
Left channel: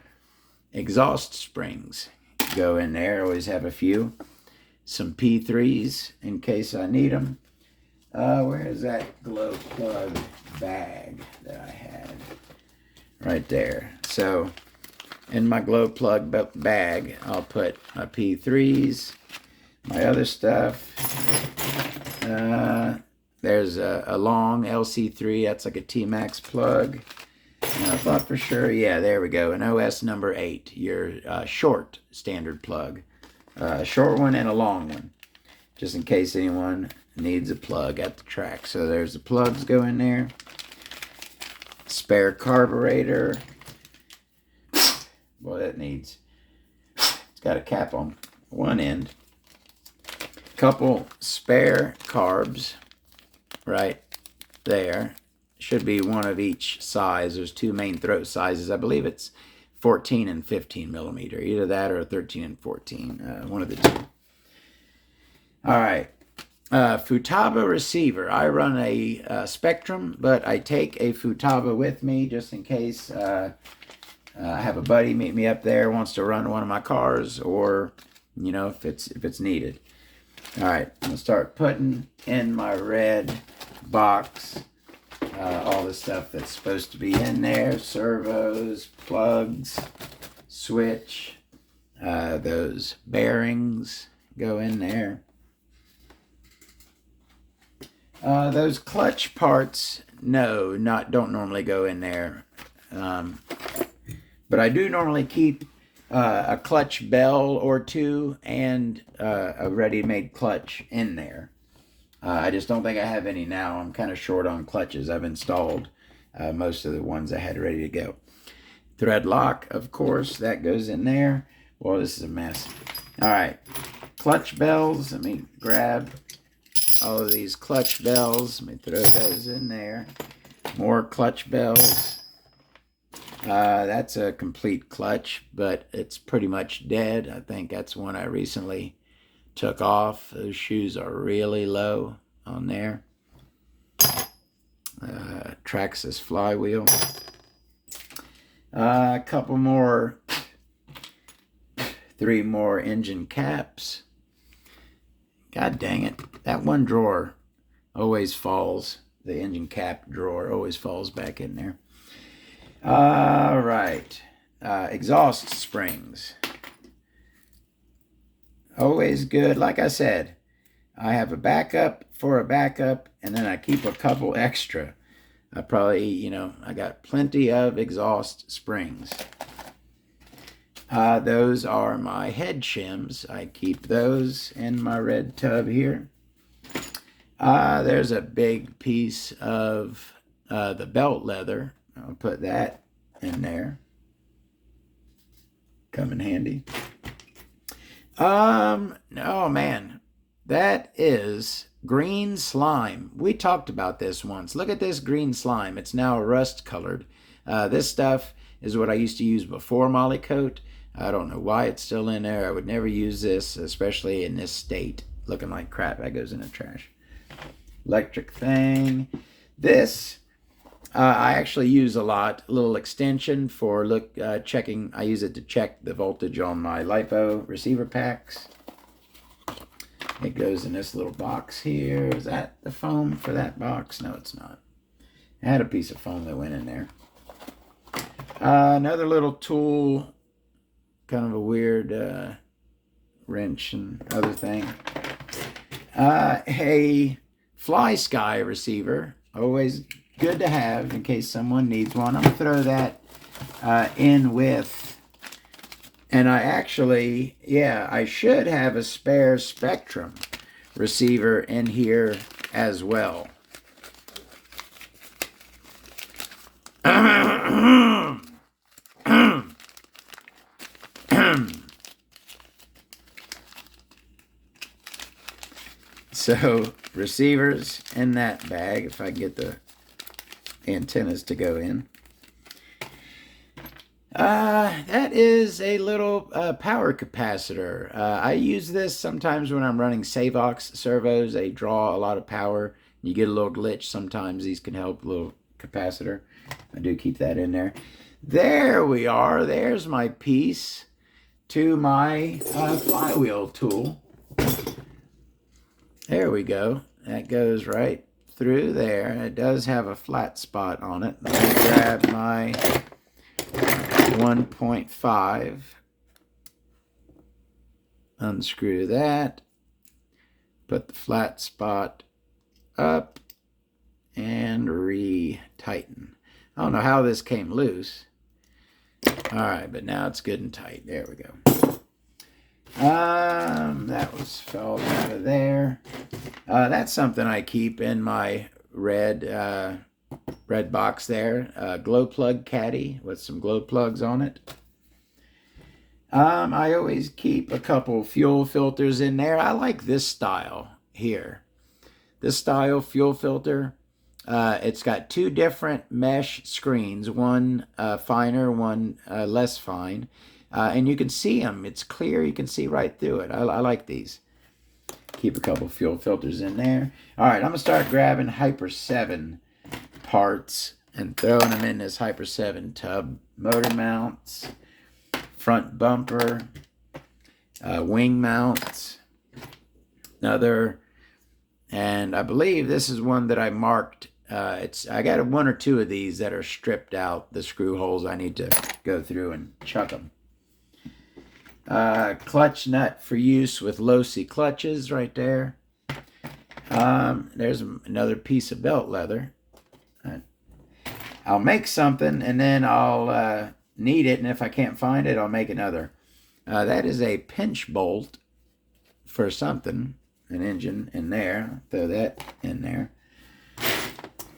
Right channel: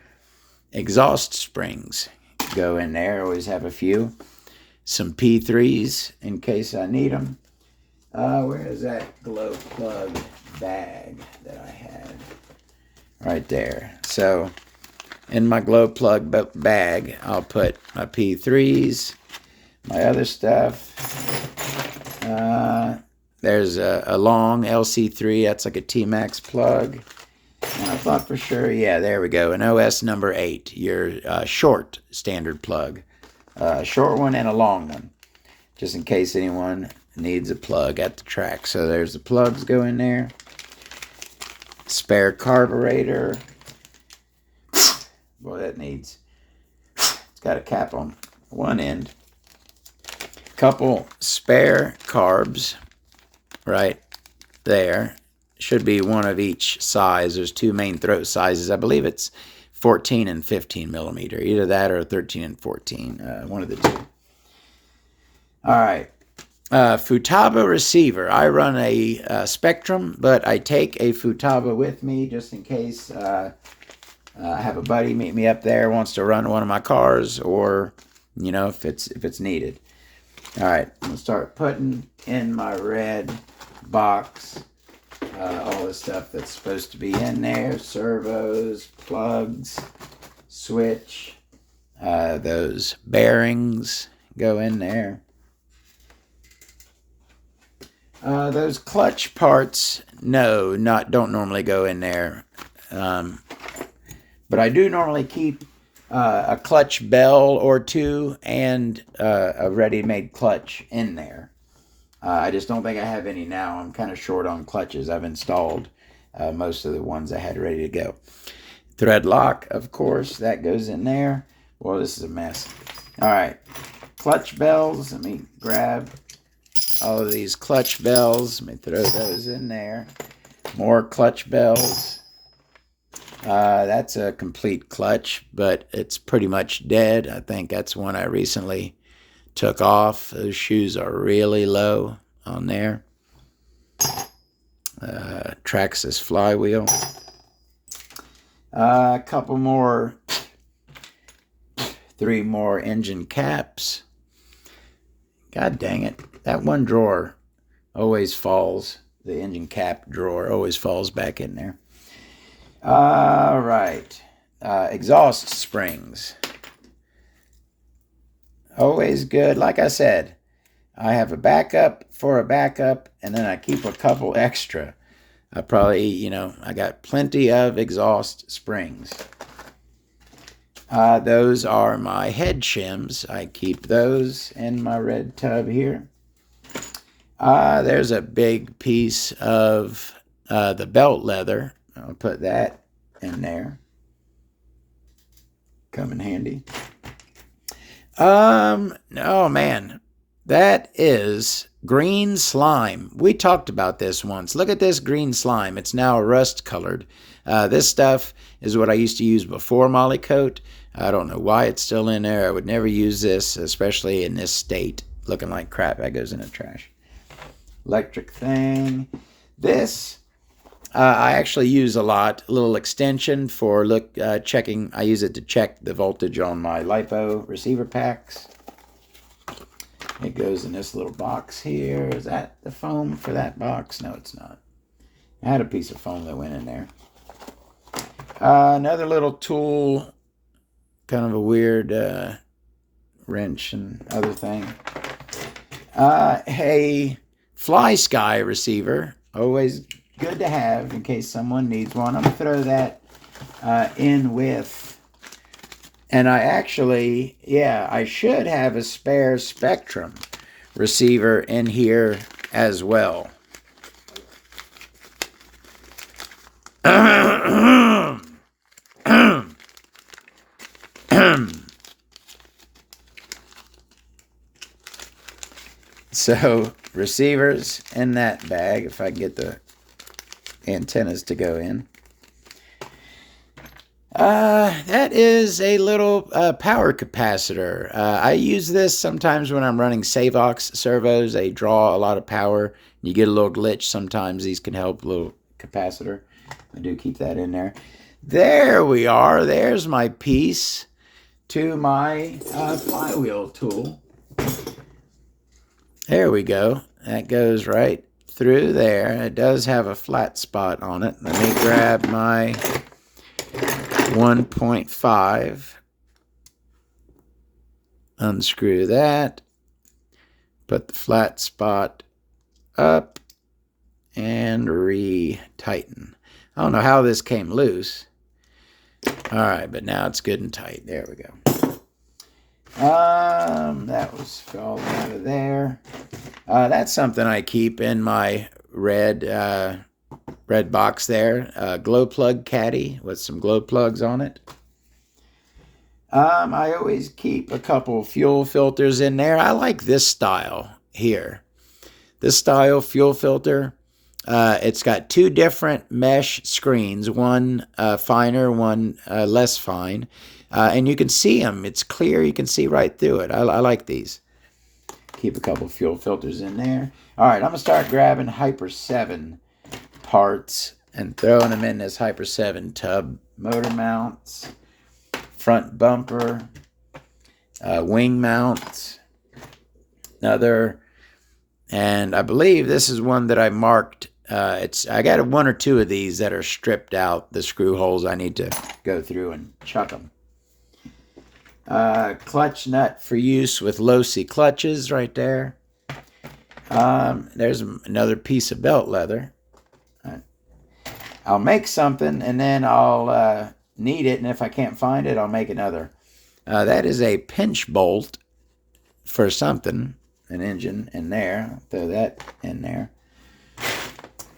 Exhaust springs go in there. Always have a few. Some P3s in case I need them. Where is that glow plug bag that I had? Right there. So in my glow plug bag, I'll put my P3s, my other stuff. There's a long LC3. That's like a T-Max plug. And I thought for sure, yeah, there we go. An OS number 8, your short standard plug. Short one and a long one, just in case anyone needs a plug at the track. So there's the plugs go in there. Spare carburetor. Boy, that needs, it's got a cap on one end. Couple spare carbs right there. Should be one of each size. There's two main throat sizes. I believe it's 14 and 15 millimeter. Either that or 13 and 14. One of the two. All right. Futaba receiver. I run a Spectrum, but I take a Futaba with me just in case I have a buddy meet me up there, wants to run one of my cars, or you know, if it's needed. All right, I'm gonna start putting in my red box all the stuff that's supposed to be in there. Servos, plugs, switch, those bearings go in there. Those clutch parts, no, don't normally go in there. But I do normally keep a clutch bell or two and a ready-made clutch in there. I just don't think I have any now. I'm kind of short on clutches. I've installed most of the ones I had ready to go. Thread lock, of course, that goes in there. Boy, this is a mess. All right, clutch bells. Let me grab all of these clutch bells. Let me throw those in there. More clutch bells. That's a complete clutch, but it's pretty much dead. I think that's one I recently took off. Those shoes are really low on there. Traxxas flywheel. A couple more, 3 more engine caps. God dang it. That one drawer always falls. The engine cap drawer always falls back in there. All right. Exhaust springs. Always good. Like I said, I have a backup for a backup, and then I keep a couple extra. I probably, I got plenty of exhaust springs. Those are my head shims. I keep those in my red tub here. There's a big piece of the belt leather. I'll put that in there. Come in handy. Oh man, that is green slime. We talked about this once. Look at this green slime. It's now rust colored. This stuff is what I used to use before Molly Coat. I don't know why it's still in there. I would never use this, especially in this state. Looking like crap. That goes in the trash. Electric thing. This I actually use a lot. A little extension for checking. I use it to check the voltage on my LiPo receiver packs. It goes in this little box here. Is that the foam for that box? No, it's not. I had a piece of foam that went in there. Another little tool, kind of a weird wrench and other thing. A fly sky receiver, always good to have in case someone needs one. I'm going to throw that in with, and I actually, I should have a spare Spectrum receiver in here as well. So, receivers in that bag, if I get the antennas to go in. That is a little power capacitor. I use this sometimes when I'm running Savox servos. They draw a lot of power. You get a little glitch sometimes. These can help, a little capacitor. I do keep that in there. There we are. There's my piece to my flywheel tool. There we go. That goes right through there. It does have a flat spot on it. Let me grab my 1.5. Unscrew that. Put the flat spot up and re-tighten. I don't know how this came loose. All right, but now it's good and tight. There we go. That was fell out of there. That's something I keep in my red box there. Glow plug caddy with some glow plugs on it. I always keep a couple fuel filters in there. I like this style here. This style fuel filter. It's got 2 different mesh screens, one finer, one less fine. And you can see them. It's clear. You can see right through it. I like these. Keep a couple fuel filters in there. All right, I'm going to start grabbing Hyper 7 parts and throwing them in this Hyper 7 tub. Motor mounts, front bumper, wing mounts, another. And I believe this is one that I marked I got one or two of these that are stripped out, the screw holes. I need to go through and chuck them. Clutch nut for use with low-C clutches right there. There's another piece of belt leather. I'll make something and then I'll need it, and if I can't find it, I'll make another. That is a pinch bolt for something, an engine in there. I'll throw that in there.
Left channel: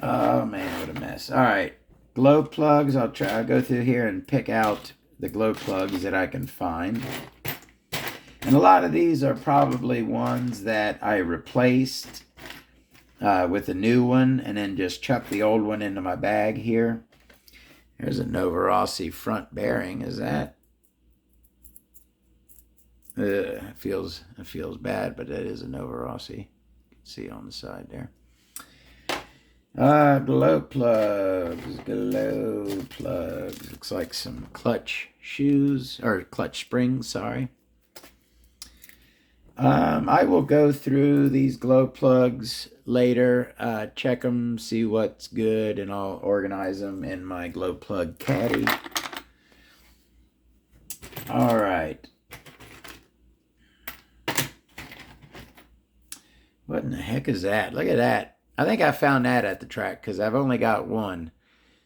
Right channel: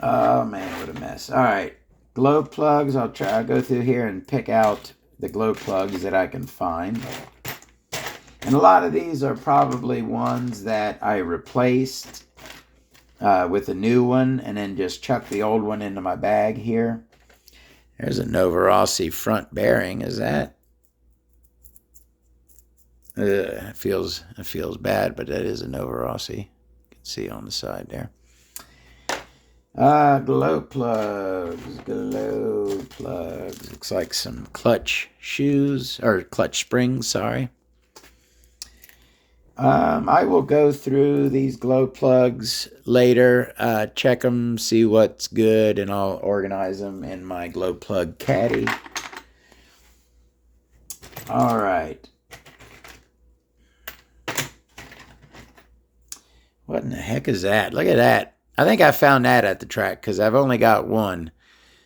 Oh man, what a mess. All right, glow plugs. I'll go through here and pick out the glow plugs that I can find. And a lot of these are probably ones that I replaced with a new one and then just chucked the old one into my bag here. There's a Nitro RC front bearing. Is that? It feels bad, but that is a Nitro RC. You can see on the side there. Glow plugs. Looks like some clutch shoes, or clutch springs, sorry. I will go through these glow plugs later, check them, see what's good, and I'll organize them in my glow plug caddy. All right. What in the heck is that? Look at that. I think I found that at the track because I've only got one.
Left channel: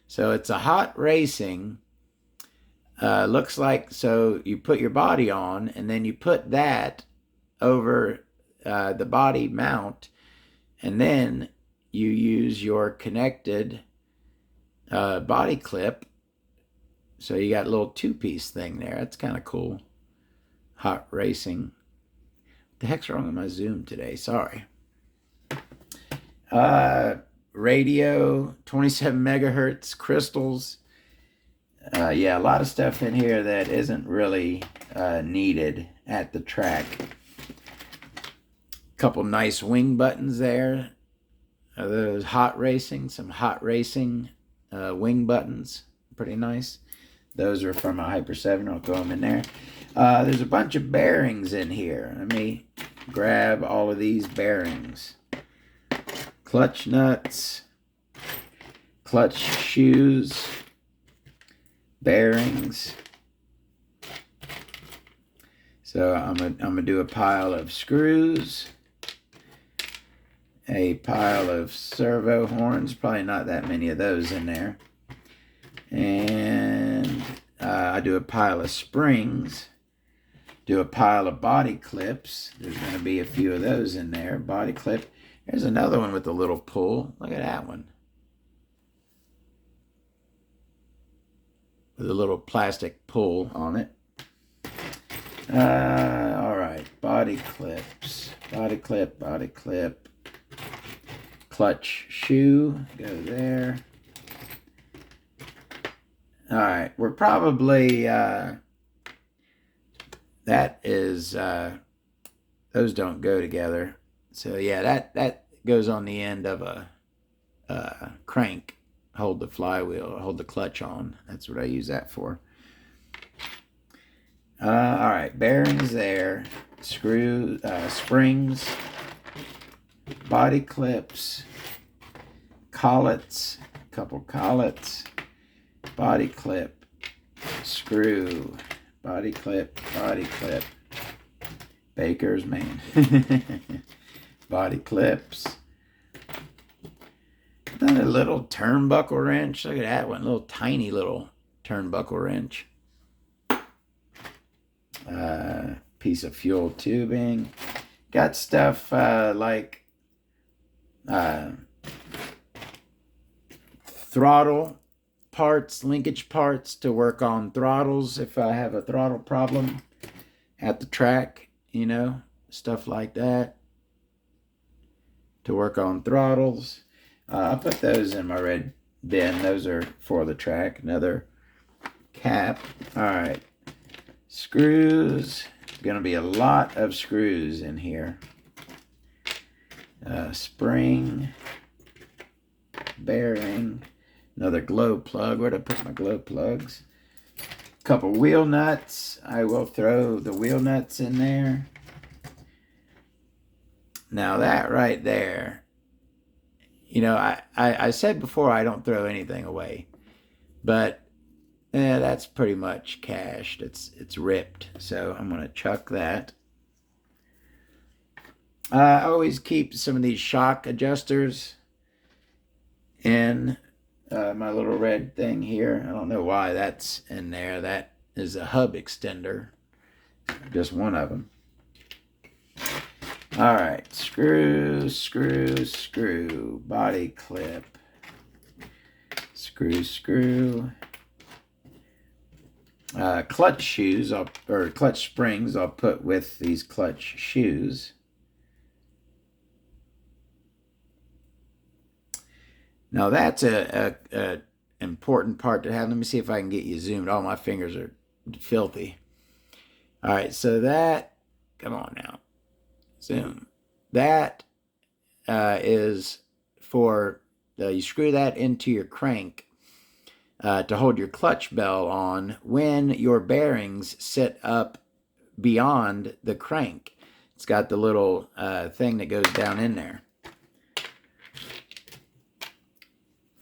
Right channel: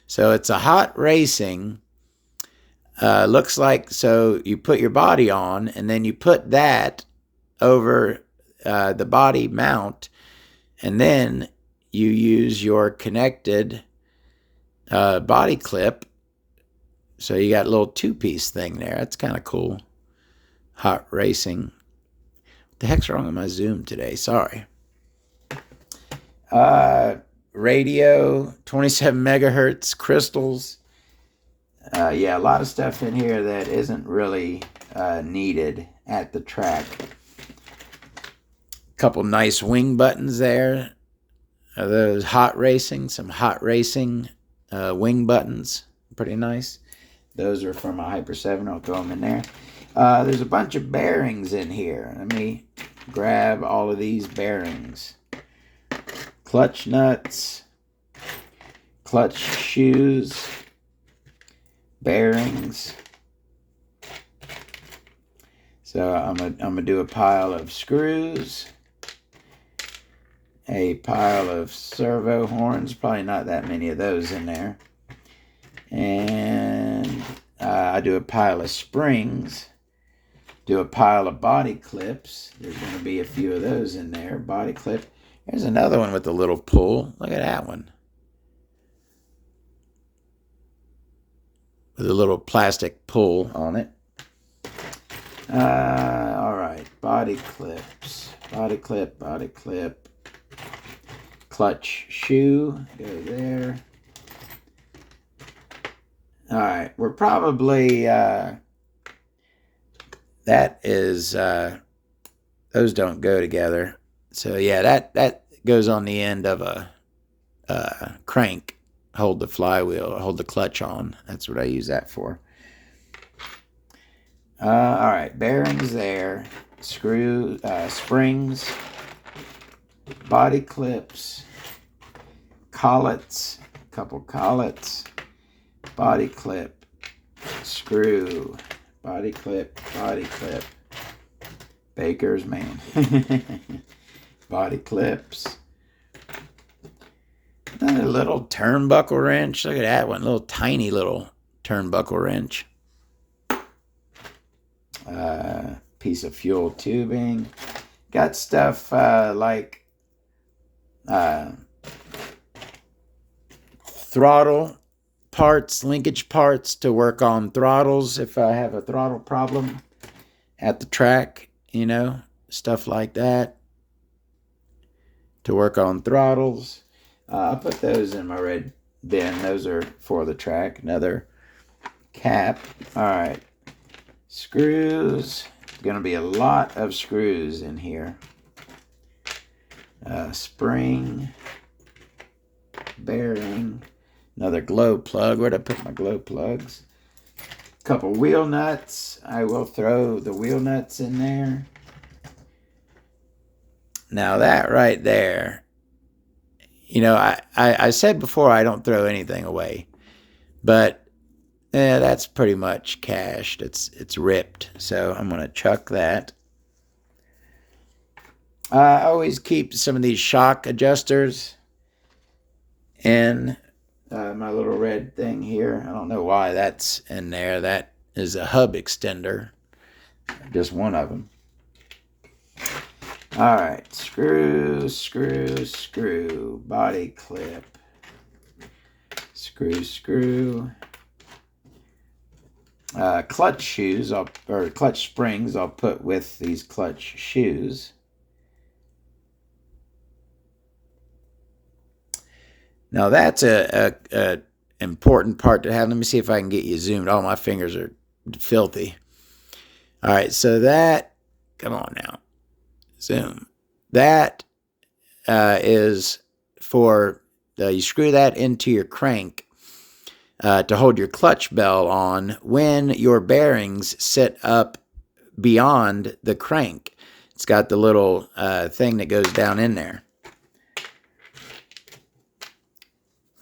So it's a hot racing. Looks like, so you put your body on and then you put that over the body mount, and then you use your connected body clip. So you got a little two-piece thing there. That's kind of cool. Hot racing. What the heck's wrong with my Zoom today? Sorry. Radio, 27 megahertz crystals. Yeah, a lot of stuff in here that isn't really needed at the track. Couple nice wing buttons there. Those hot racing, some hot racing wing buttons. Pretty nice. Those are from a Hyper 7. I'll throw them in there. There's a bunch of bearings in here. Let me grab all of these bearings. Clutch nuts, clutch shoes, bearings. So I'm gonna do a pile of screws, a pile of servo horns, probably not that many of those in there, and I do a pile of springs, do a pile of body clips. There's going to be a few of those in there. Body clip. There's another one with a little pull. Look at that one. With a little plastic pull on it. All right. Body clips. Body clip, body clip. Clutch shoe. Go there. All right. We're probably... that is... those don't go together. So yeah, that goes on the end of a crank. Hold the flywheel, hold the clutch on. That's what I use that for. All right, bearings there, screw, springs, body clips, collets, couple collets, body clip, screw, body clip, Baker's, man. Body clips. Another little turnbuckle wrench. Look at that one. Little tiny little turnbuckle wrench. Piece of fuel tubing. Got stuff like throttle parts, linkage parts to work on throttles if I have a throttle problem at the track, you know, stuff like that to work on throttles. I put those in my red bin. Those are for the track. Another cap. All right. Screws. Going to be a lot of screws in here. Spring. Bearing. Another glow plug. Where'd I put my glow plugs? A couple wheel nuts. I will throw the wheel nuts in there. Now that right there, You know, I said before I don't throw anything away, but that's pretty much cashed. It's ripped, so I'm gonna chuck that. I always keep some of these shock adjusters in my little red thing here. I don't know why that's in there. That is a hub extender, just one of them. All right, screw, screw, screw, body clip, screw, screw. Clutch shoes, or clutch springs, I'll put with these clutch shoes. Now that's a important part to have. Let me see if I can get you zoomed. Oh, my fingers are filthy. All right, so that, come on now, zoom. That is for, you screw that into your crank to hold your clutch bell on when your bearings sit up beyond the crank. It's got the little thing that goes down in there.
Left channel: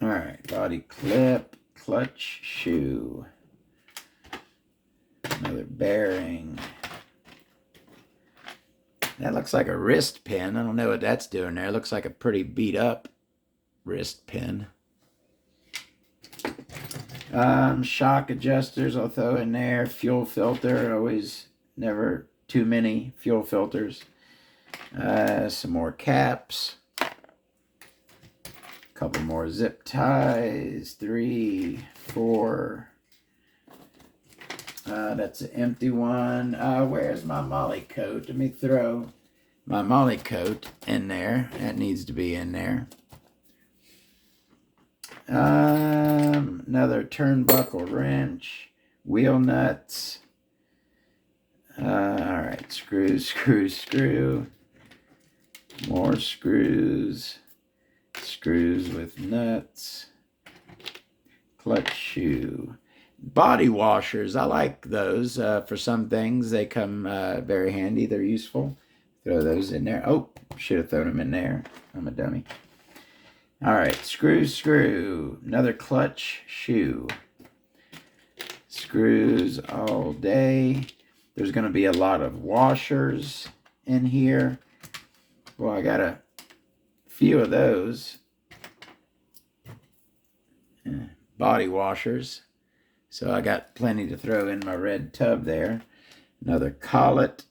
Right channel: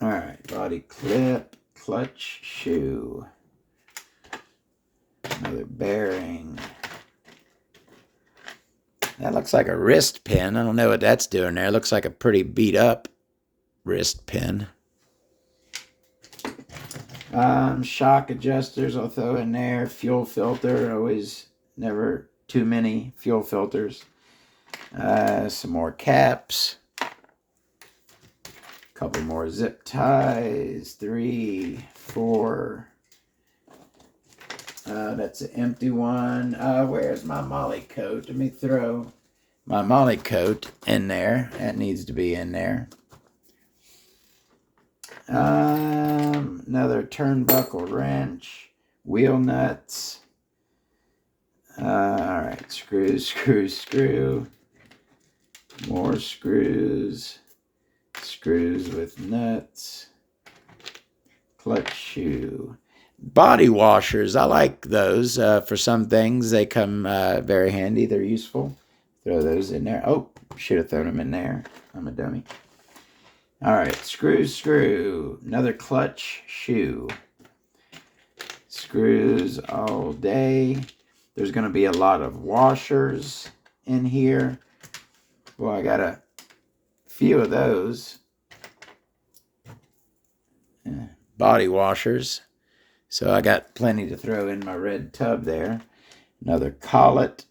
All right, body clip, clutch shoe, another bearing. That looks like a wrist pin. I don't know what that's doing there. It looks like a pretty beat up wrist pin. Shock adjusters I'll throw in there. Fuel filter, always, never too many fuel filters. Some more caps. Couple more zip ties, 3, 4. That's an empty one. Where's my molly coat? Let me throw my molly coat in there. That needs to be in there. Another turnbuckle wrench, wheel nuts. All right, screw, screw, screw. More screws. Screws with nuts. Clutch shoe. Body washers, I like those for some things. They come very handy. They're useful. Throw those in there. Oh, should have thrown them in there. I'm a dummy. All right, screw, screw. Another clutch shoe. Screws all day. There's going to be a lot of washers in here. Well, I got a few of those. Body washers. So I got plenty to throw in my red tub there. Another collet.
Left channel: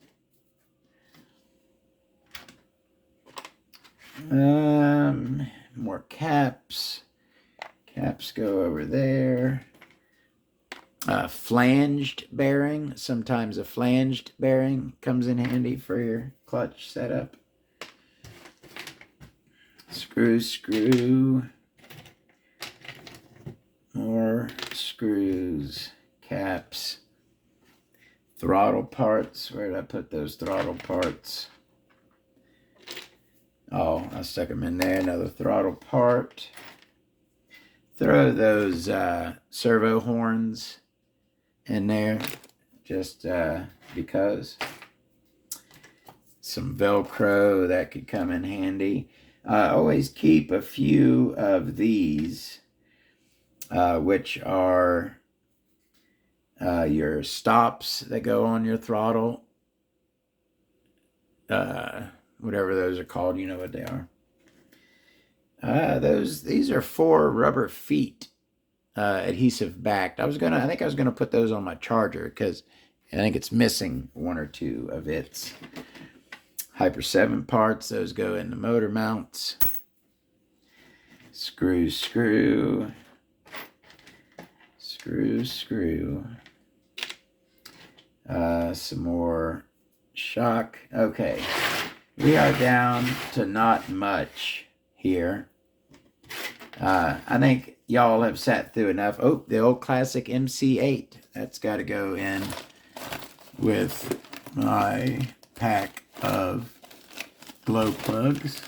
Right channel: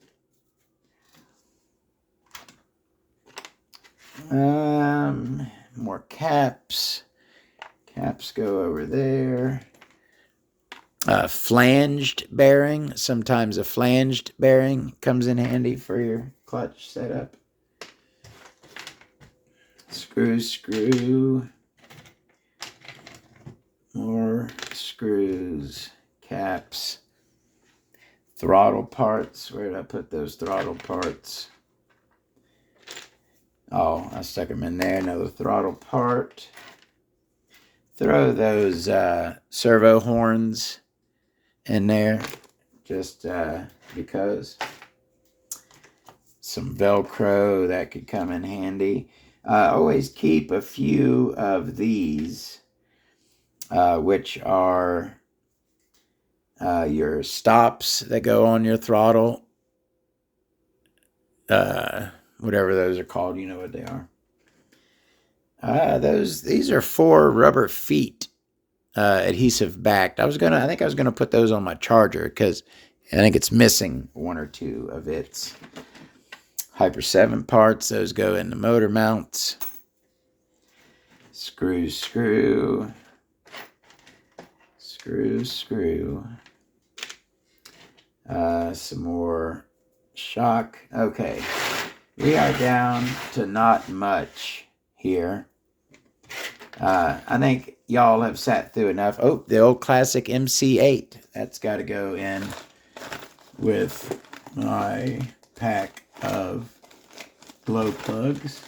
More caps. Caps go over there. Flanged bearing. Sometimes a flanged bearing comes in handy for your clutch setup. Screw, screw. More screws, caps, throttle parts. Where did I put those throttle parts? Oh, I stuck them in there. Another throttle part. Throw those servo horns in there, just because. Some Velcro, that could come in handy. Always keep a few of these. Which are your stops that go on your throttle. Whatever those are called, you know what they are. These are 4 rubber feet, adhesive backed. I think I was gonna put those on my charger because I think it's missing 1 or 2 of its Hyper 7 parts. Those go in the motor mounts. Screw, screw. Screw, screw. Some more shock. Okay, we are down to not much here. I think y'all have sat through enough. Oh, the old classic MC8. That's got to go in with my pack of glow plugs.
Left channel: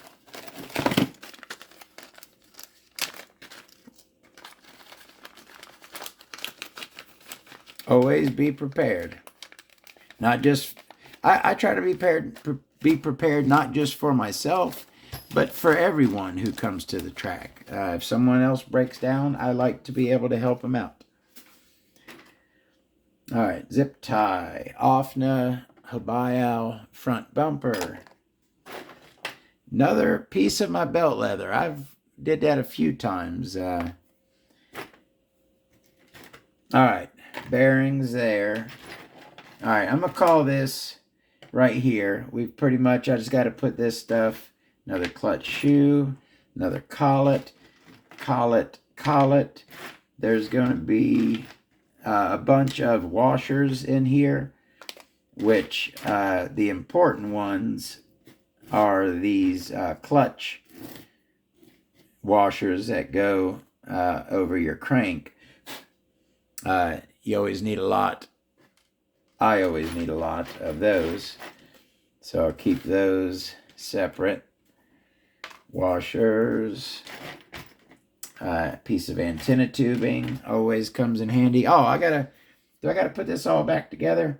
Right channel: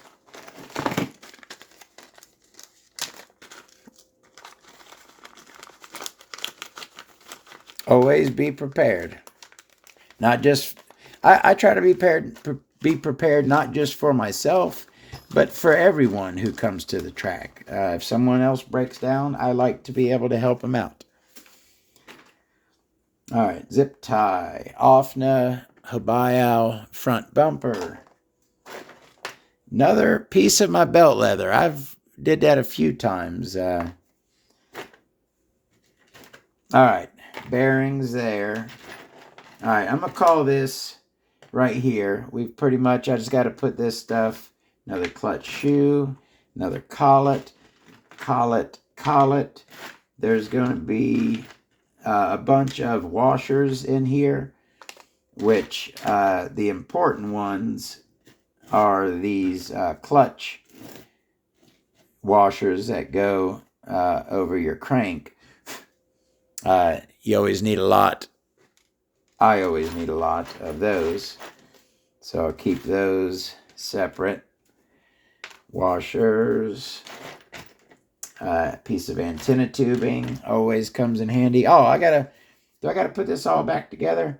Always be prepared. Not just, I try to be prepared not just for myself, but for everyone who comes to the track. If someone else breaks down, I like to be able to help them out. All right, zip tie, OFNA, Habayao front bumper. Another piece of my belt leather. I've did that a few times. All right, bearings there. All right, I'm going to call this right here. We've pretty much, I just got to put this stuff, another clutch shoe, another collet, collet, collet. There's going to be a bunch of washers in here, which the important ones are these clutch washers that go over your crank. You always need a lot. I always need a lot of those. So I'll keep those separate. Washers. Piece of antenna tubing always comes in handy. Oh, do I gotta put this all back together?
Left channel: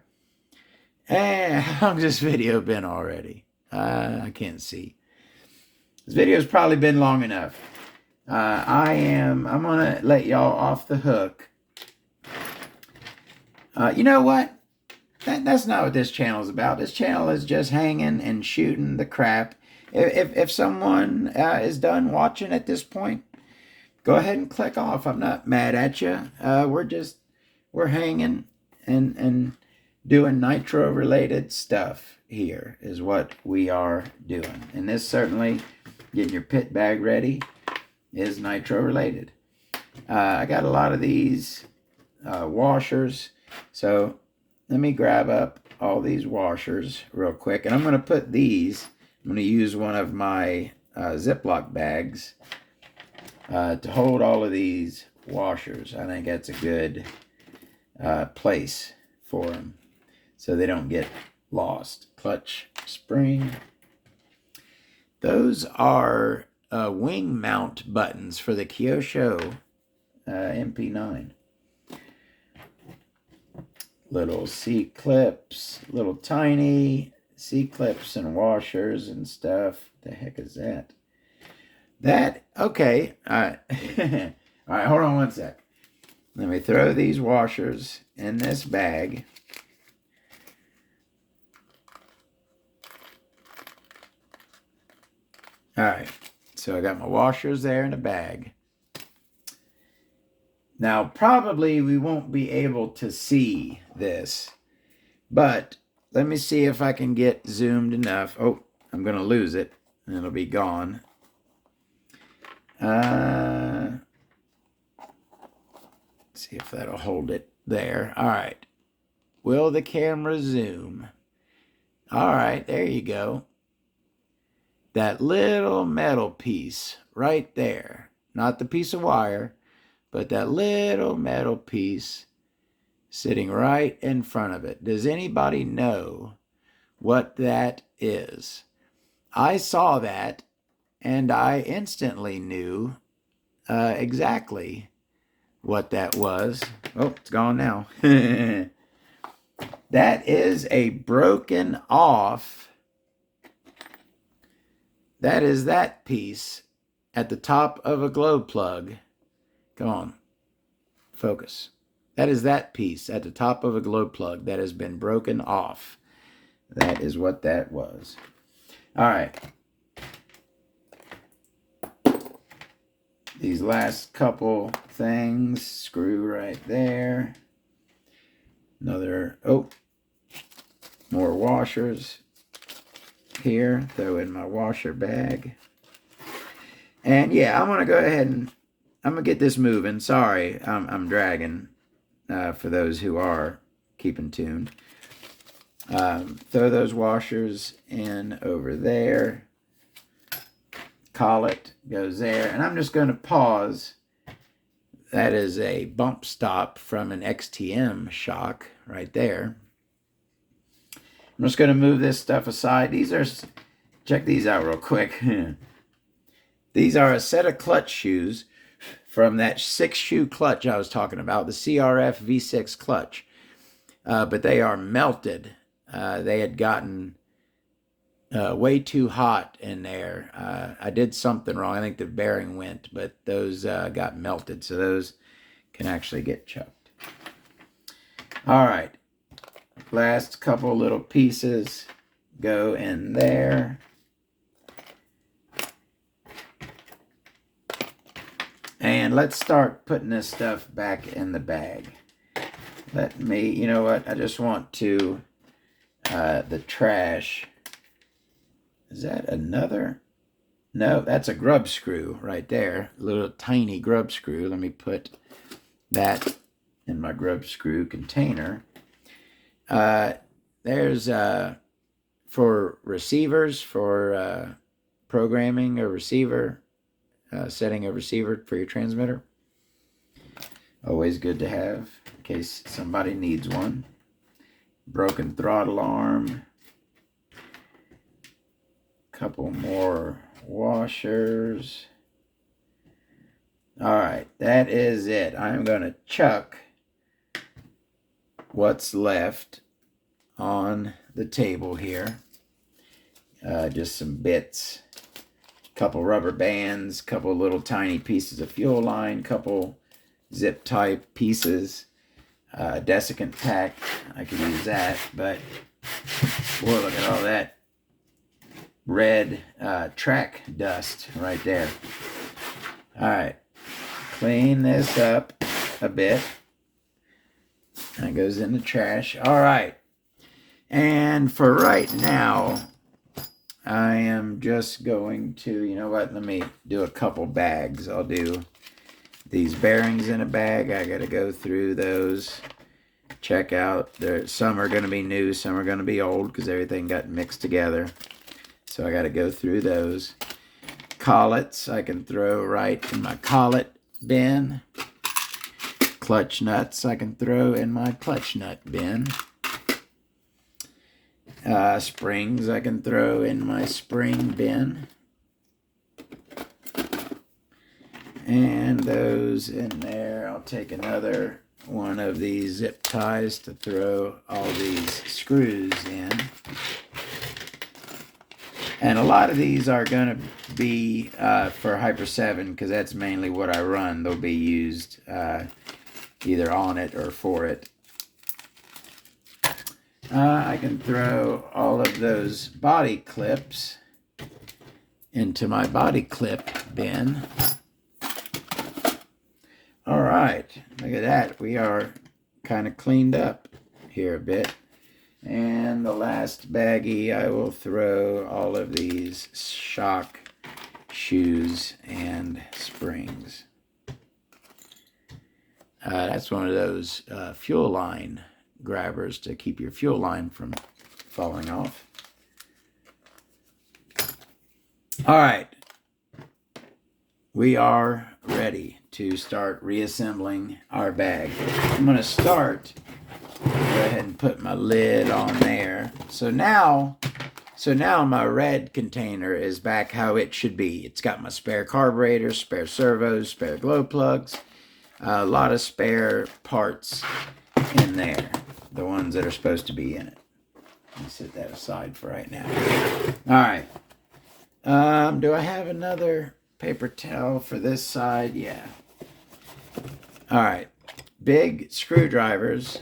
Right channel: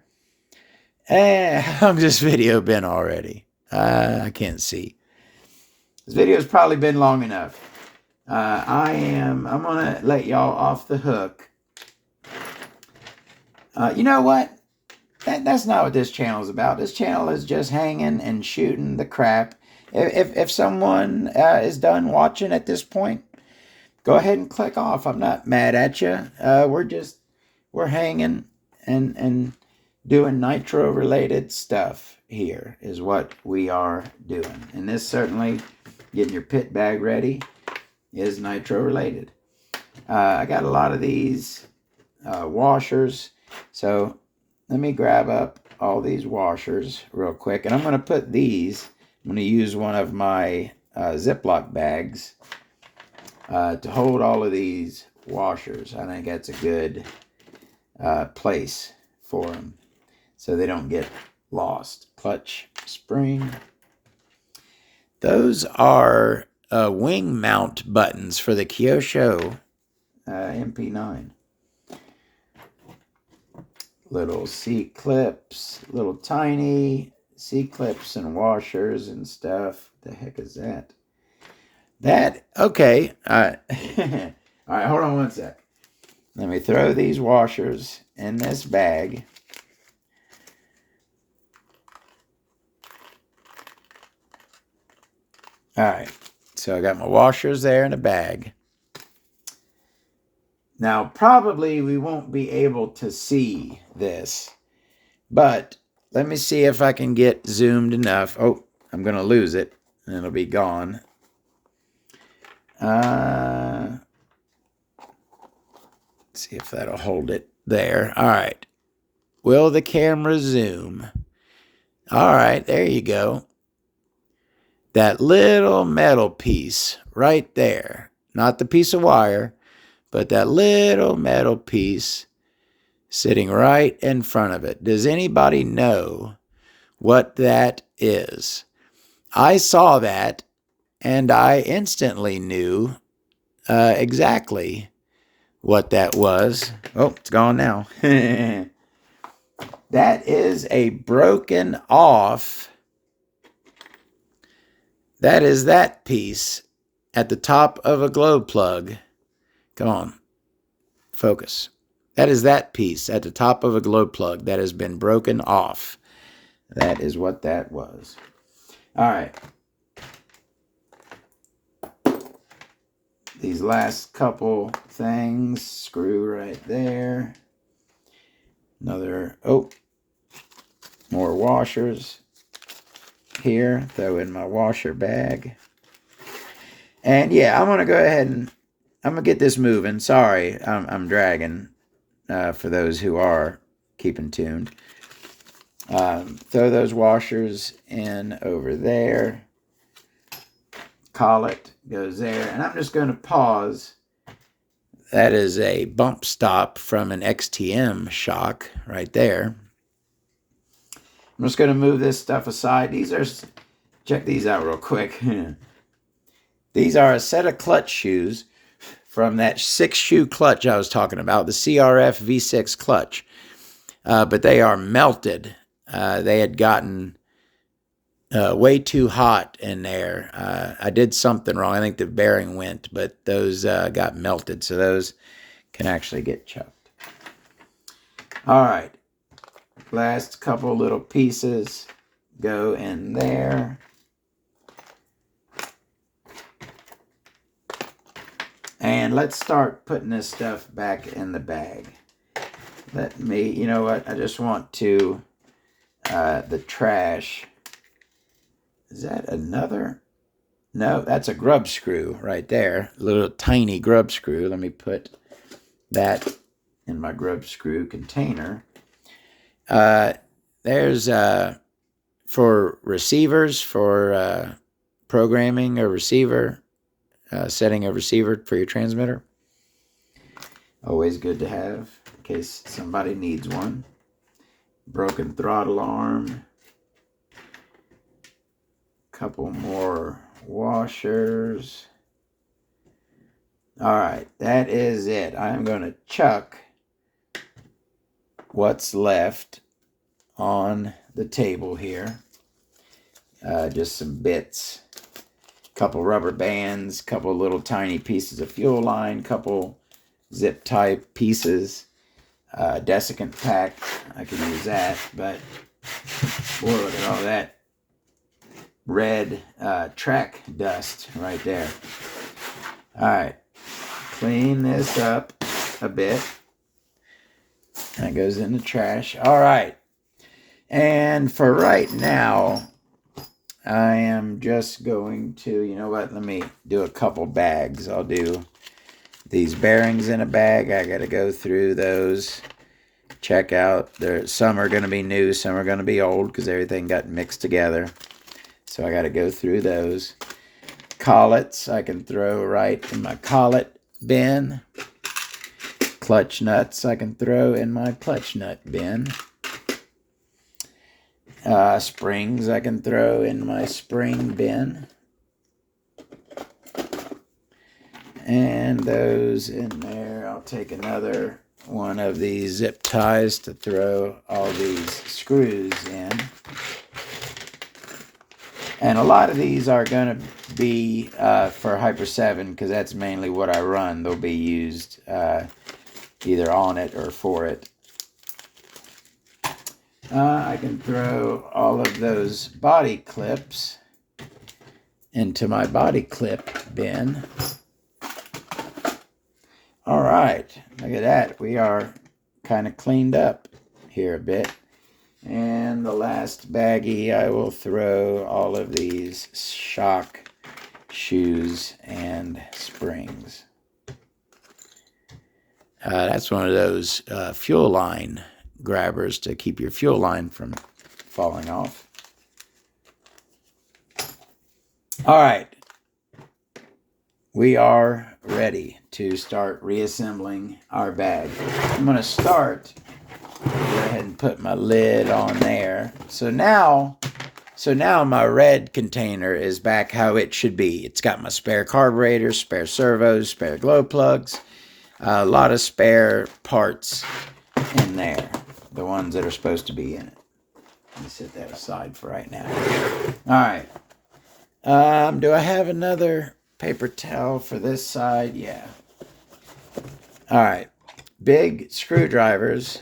How long's this video been already? I can't see. This video's probably been long enough. I'm gonna let y'all off the hook. You know what? That's not what this channel is about. This channel is just hanging and shooting the crap. If someone is done watching at this point, go ahead and click off. I'm not mad at you. We're hanging and doing Nitro related stuff here is what we are doing. And this certainly, getting your pit bag ready, is Nitro related. I got a lot of these washers. So let me grab up all these washers real quick. And I'm going to put these, I'm going to use one of my Ziploc bags to hold all of these washers. I think that's a good place for them so they don't get lost. Clutch spring. Those are wing mount buttons for the Kyosho MP9. Little seat clips, little tiny seat clips and washers and stuff. The heck is that? Okay. All right. All right, hold on one sec. Let me throw these washers in this bag. All right. So I got my washers there in a bag. Now, probably we won't be able to see this, but let me see if I can get zoomed enough. Oh, I'm going to lose it, and it'll be gone. See if that'll hold it there. All right. Will the camera zoom? All right, there you go. That little metal piece right there. Not the piece of wire, but that little metal piece sitting right in front of it. Does anybody know what that is? I saw that, and I instantly knew exactly what that was. Oh, it's gone now. That is a broken off. That is that piece at the top of a glow plug. Come on, focus. That is that piece at the top of a glow plug that has been broken off. That is what that was. All right. These last couple things, screw right there. Another, more washers here. Throw in my washer bag. And yeah, I'm going to go ahead and I'm going to get this moving. Sorry, I'm dragging for those who are keeping tuned. Throw those washers in over there. Collet goes there. And I'm just going to pause. That is a bump stop from an XTM shock right there. I'm just going to move this stuff aside. These are, check these out real quick. These are a set of clutch shoes from that 6-shoe clutch I was talking about, the CRF V6 clutch. But they are melted. They had gotten way too hot in there. I did something wrong. I think the bearing went, but those got melted, so those can actually get chucked. All right, last couple little pieces go in there. And let's start putting this stuff back in the bag. Let me, you know what, I just want to, the trash. Is that another? No, that's a grub screw right there. A little tiny grub screw. Let me put that in my grub screw container. There's for receivers, for programming a receiver, setting a receiver for your transmitter. Always good to have in case somebody needs one. Broken throttle arm. Couple more washers. All right, that is it. I'm going to chuck what's left on the table here. Just some bits, couple rubber bands, couple little tiny pieces of fuel line, couple zip tie pieces, desiccant pack. I could use that, but boy, look at all that red track dust right there. All right, clean this up a bit. That goes in the trash. All right, and for right now, I am just going to, you know what, let me do a couple bags. I'll do these bearings in a bag. I got to go through those, check out. Some are going to be new, some are going to be old because everything got mixed together. So I got to go through those. Collets I can throw right in my collet bin. Clutch nuts I can throw in my clutch nut bin. Springs I can throw in my spring bin. And those in there, I'll take another one of these zip ties to throw all these screws in. And a lot of these are going to be for Hyper 7 because that's mainly what I run. They'll be used either on it or for it. I can throw all of those body clips into my body clip bin. All right, look at that. We are kind of cleaned up here a bit. And the last baggie, I will throw all of these shock shoes and springs. That's one of those fuel line grabbers to keep your fuel line from falling off. All right. We are ready to start reassembling our bag. I'm going to start. Go ahead and put my lid on there. So now my red container is back how it should be. It's got my spare carburetors, spare servos, spare glow plugs, a lot of spare parts in there, the ones that are supposed to be in it. Let me set that aside for right now. All right. Do I have another paper towel for this side? Yeah. All right. Big screwdrivers.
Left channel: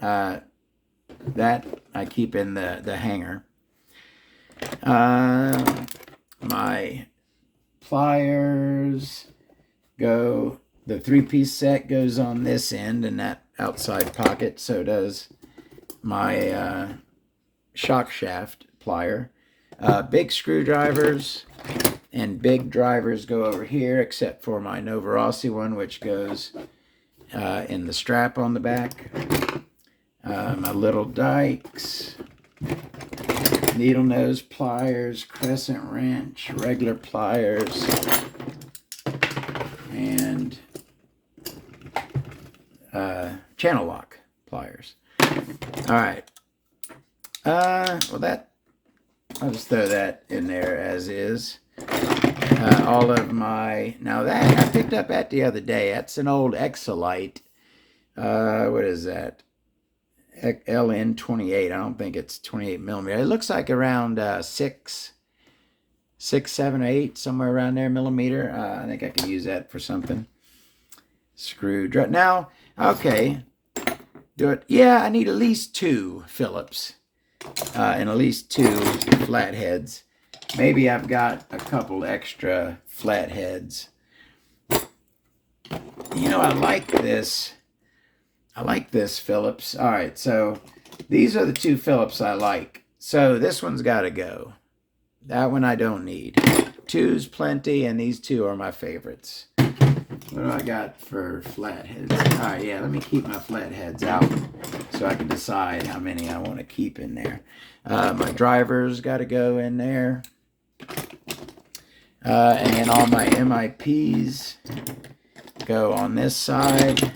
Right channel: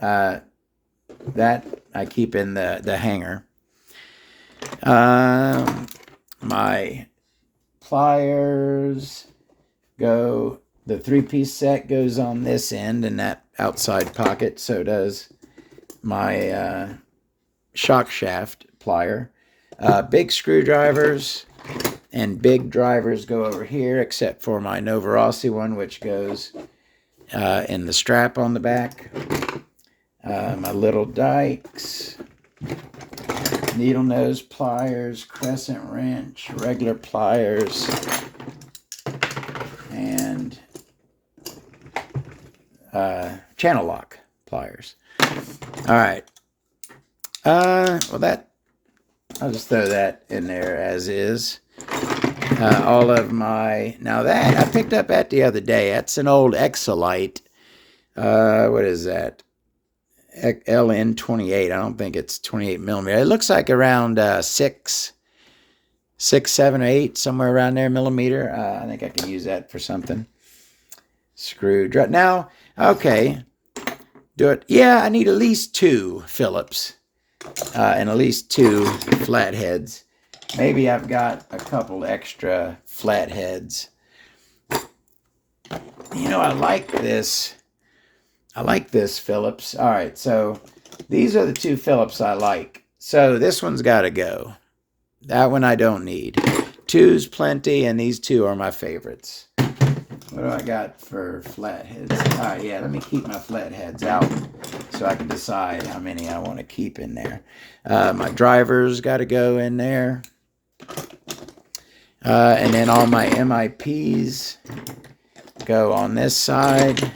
That I keep in the hanger. My pliers go, the 3-piece set goes on this end in that outside pocket. So does my shock shaft plier. Big screwdrivers and big drivers go over here, except for my Nova RC one, which goes in the strap on the back. My little dikes, needle nose pliers, crescent wrench, regular pliers, and channel lock pliers. All right. Well, I'll just throw that in there as is. All of my, now that I picked up that the other day. That's an old Exolite. What is that? LN28. I don't think it's 28 millimeter. It looks like around 6, 7, or 8, somewhere around there millimeter. I think I can use that for something. Screwdriver. Now, okay, do it. Yeah, I need at least 2 Phillips and at least 2 flatheads. Maybe I've got a couple extra flatheads. You know, I like this. I like this Phillips. All right, so these are the 2 Phillips I like. So this one's got to go. That one I don't need. 2's plenty, and these 2 are my favorites. What do I got for flatheads? All right, yeah, let me keep my flatheads out so I can decide how many I want to keep in there. My drivers got to go in there. And then all my MIPs go on this side.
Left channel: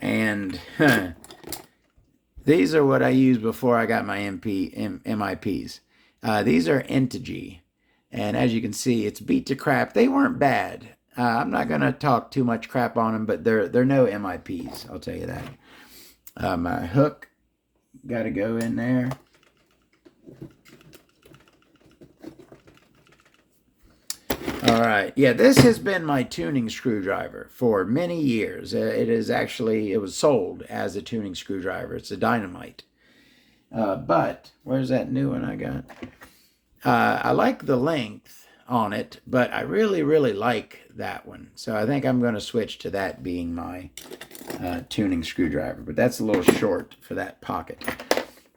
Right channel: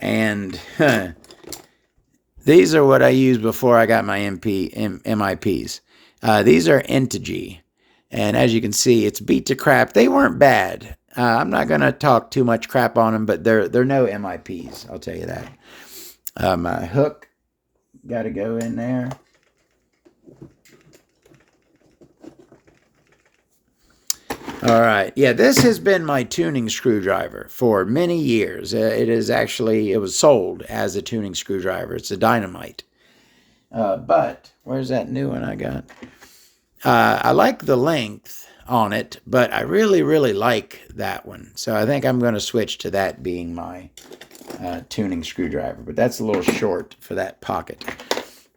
And these are what I used before I got my MIPs. These are Integy. And as you can see, it's beat to crap. They weren't bad. I'm not going to talk too much crap on them, but they're no MIPs, I'll tell you that. My hook got to go in there. All right. Yeah, this has been my tuning screwdriver for many years. It was sold as a tuning screwdriver. It's a Dynamite. But where's that new one I got? I like the length on it, but I really, really like that one. So I think I'm going to switch to that being my tuning screwdriver. But that's a little short for that pocket.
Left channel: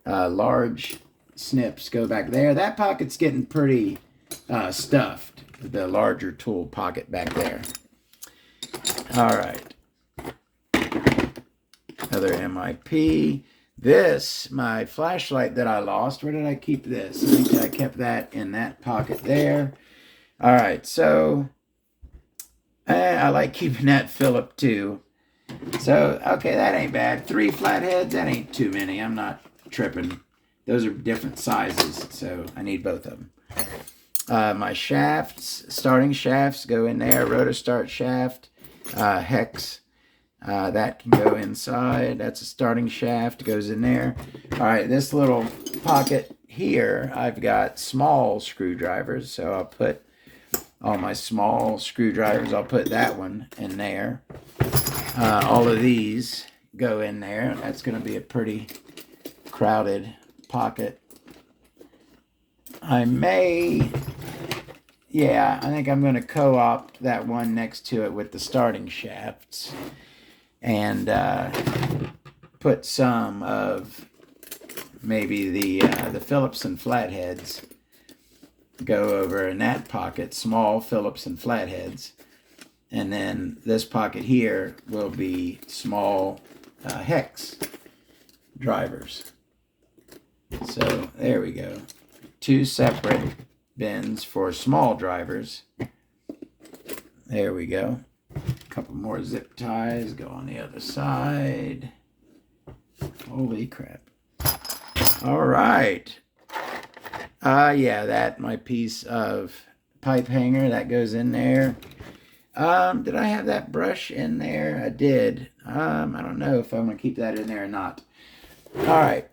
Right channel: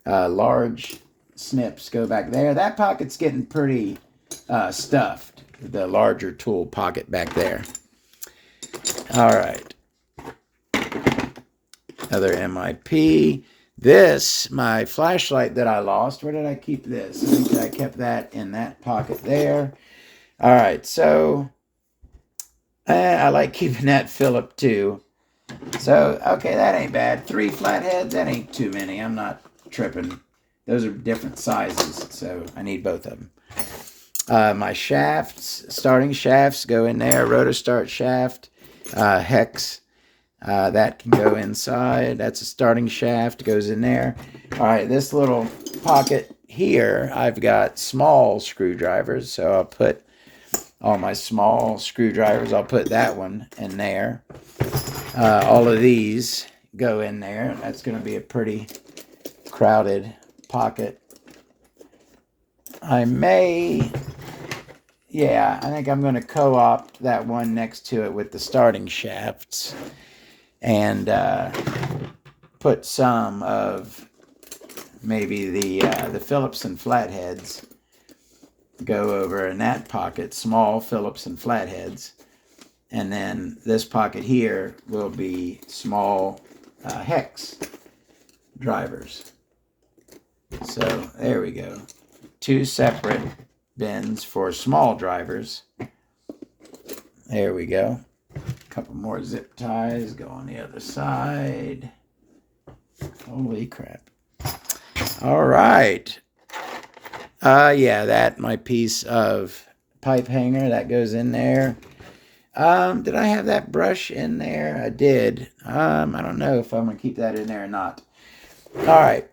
Large snips go back there. That pocket's getting pretty stuffed. The larger tool pocket back there. All right. Another MIP. This, my flashlight that I lost. Where did I keep this? I think I kept that in that pocket there. All right, so I like keeping that Phillip too. So, okay, that ain't bad. 3 flatheads, that ain't too many. I'm not tripping. Those are different sizes, so I need both of them. My shafts, starting shafts go in there. Rotor start shaft, hex, that can go inside. That's a starting shaft, goes in there. All right, this little pocket here, I've got small screwdrivers, so I'll put all my small screwdrivers. I'll put that one in there. All of these go in there. That's going to be a pretty crowded pocket. I think I'm going to co-opt that one next to it with the starting shafts and put some of maybe the Phillips and flatheads go over in that pocket, small Phillips and flatheads. And then this pocket here will be small hex drivers. So there we go. 2 separate bins for small drivers. There we go. A couple more zip ties go on the other side. Holy crap. All right. Yeah, that my piece of pipe hanger that goes in there. Did I have that brush in there? I did. I don't know if I'm going to keep that in there or not. All right.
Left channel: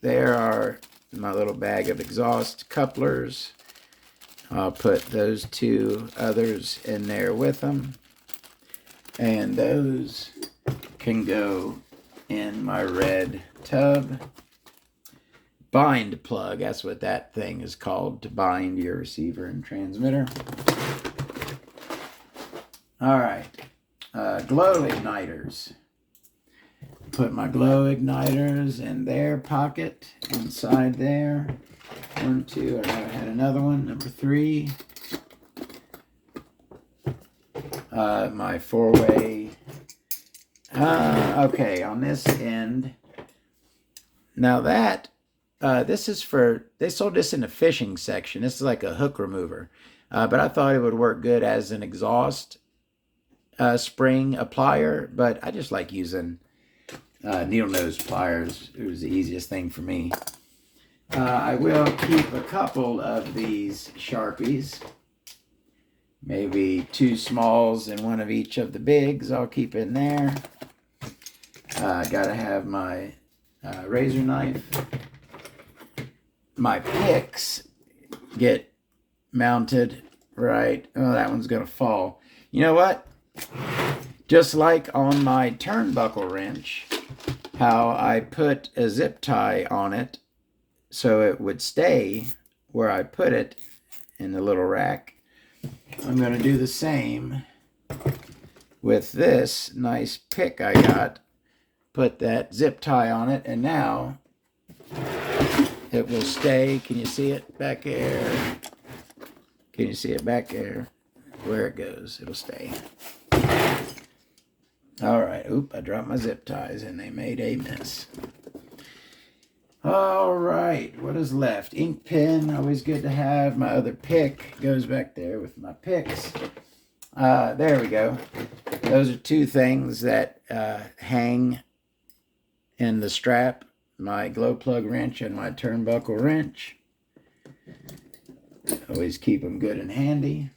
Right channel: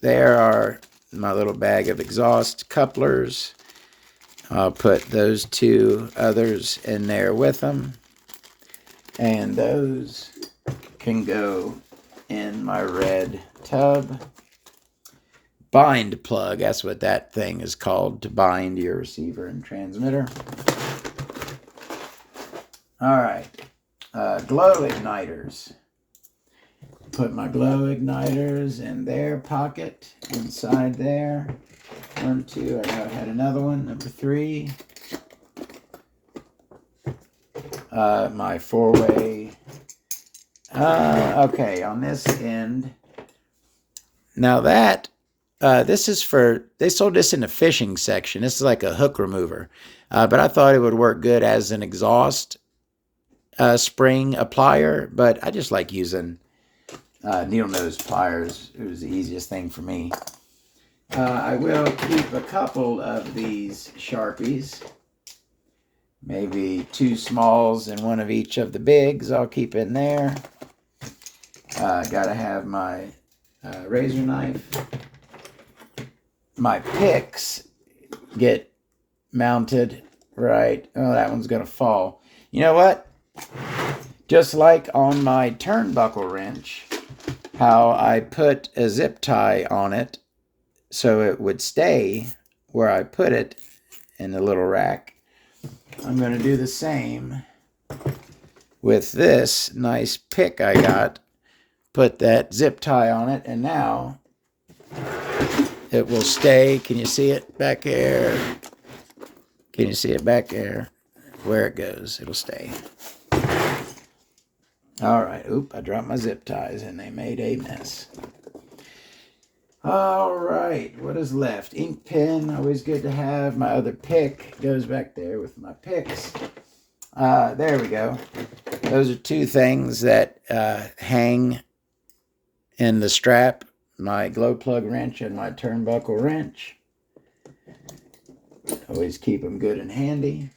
There are my little bag of exhaust couplers. I'll put those 2 others in there with them. And those can go in my red tub. Bind plug, that's what that thing is called, to bind your receiver and transmitter. All right, glow igniters. Put my glow igniters in their pocket, inside there. 1, 2, I had another one, number 3. My 4-way. Okay, on this end. Now that, this is for, they sold this in the fishing section. This is like a hook remover. But I thought it would work good as an exhaust spring applier. But I just like using needle nose pliers. It was the easiest thing for me. I will keep a couple of these Sharpies. Maybe 2 smalls and 1 of each of the bigs I'll keep in there. Gotta have my razor knife. My picks get mounted right. Oh, that one's gonna fall. You know what? Just like on my turnbuckle wrench, how I put a zip tie on it so it would stay where I put it in the little rack. I'm going to do the same with this nice pick I got. Put that zip tie on it, and now it will stay. Can you see it back there? Can you see it back there? Where it goes, it'll stay. All right. Oop, I dropped my zip ties, and they made a mess. All right, what is left? Ink pen, always good to have. My other pick goes back there with my picks. There we go. Those are 2 things that hang in the strap. My glow plug wrench and my turnbuckle wrench. Always keep them good and handy.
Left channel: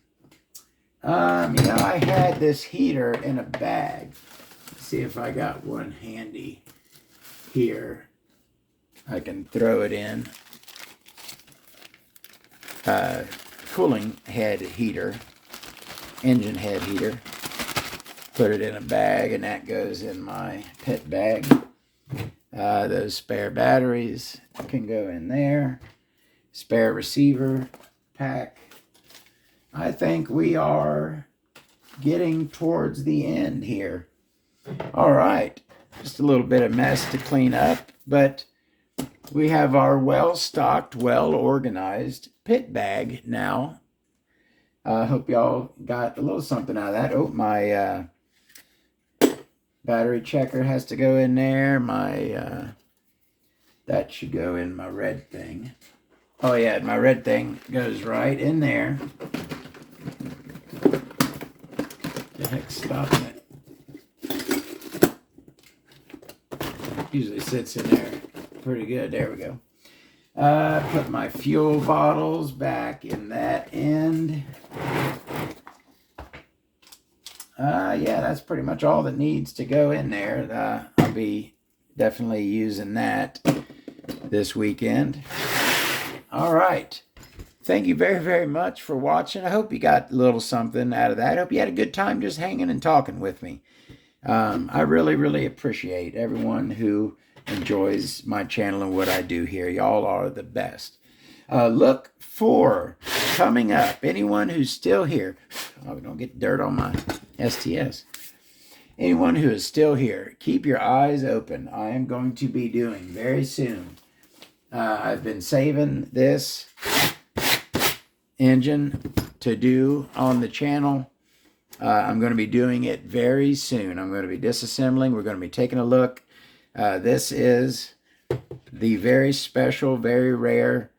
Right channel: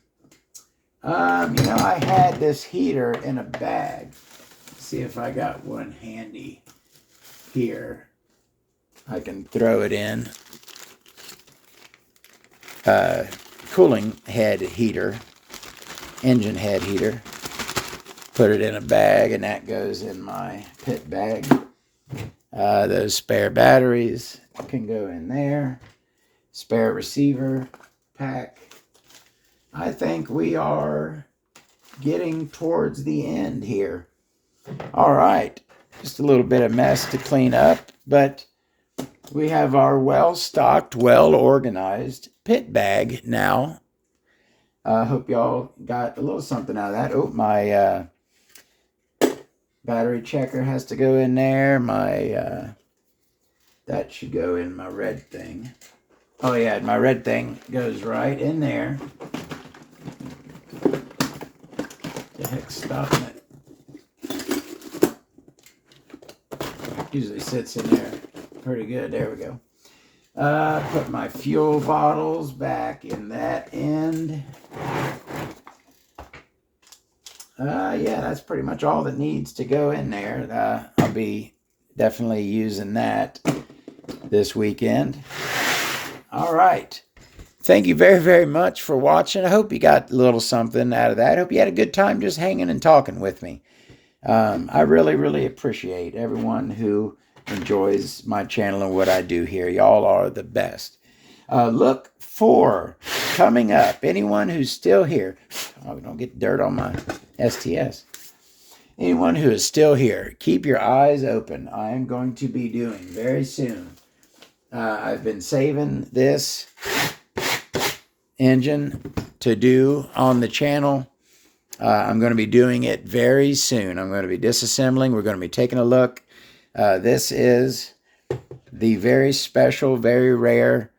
I had this heater in a bag. Let's see if I got one handy here. I can throw it in. Cooling head heater, engine head heater. Put it in a bag, and that goes in my pit bag. Those spare batteries can go in there. Spare receiver pack. I think we are getting towards the end here. All right, just a little bit of mess to clean up, but we have our well-stocked, well-organized pit bag now. I hope y'all got a little something out of that. Oh, my battery checker has to go in there. That should go in my red thing. Oh, yeah, my red thing goes right in there. The heck's stopping it? Usually sits in there pretty good. There we go. Put my fuel bottles back in that end. Yeah, that's pretty much all that needs to go in there. I'll be definitely using that this weekend. All right. Thank you very, very much for watching. I hope you got a little something out of that. I hope you had a good time just hanging and talking with me. I really, really appreciate everyone who enjoys my channel and what I do here. Y'all are the best. Look for coming up, anyone who's still here. Oh, don't get dirt on my STS. Anyone who is still here, keep your eyes open. I am going to be doing very soon. I've been saving this engine to do on the channel. I'm going to be doing it very soon. I'm going to be disassembling. We're going to be taking a look. This is the very special, very rare,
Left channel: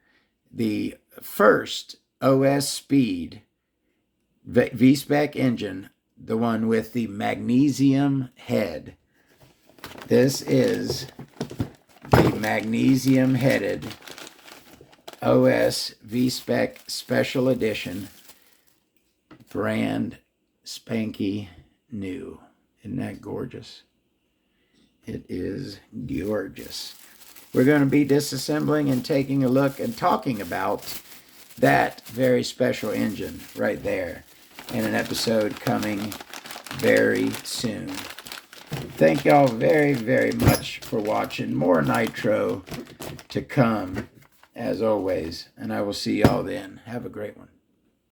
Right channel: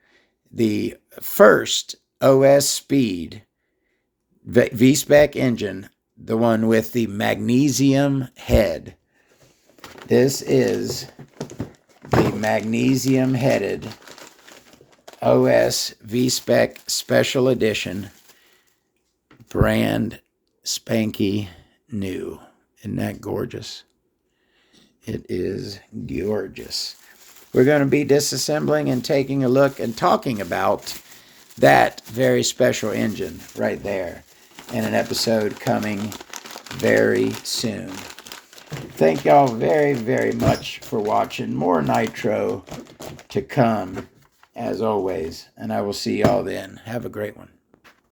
the first OS Speed V-Spec engine, the one with the magnesium head. This is the magnesium-headed OS V-Spec Special Edition, brand spanky new. Isn't that gorgeous? It is gorgeous. We're going to be disassembling and taking a look and talking about that very special engine right there in an episode coming very soon. Thank y'all very, very much for watching. More Nitro to come, as always, and I will see y'all then. Have a great one.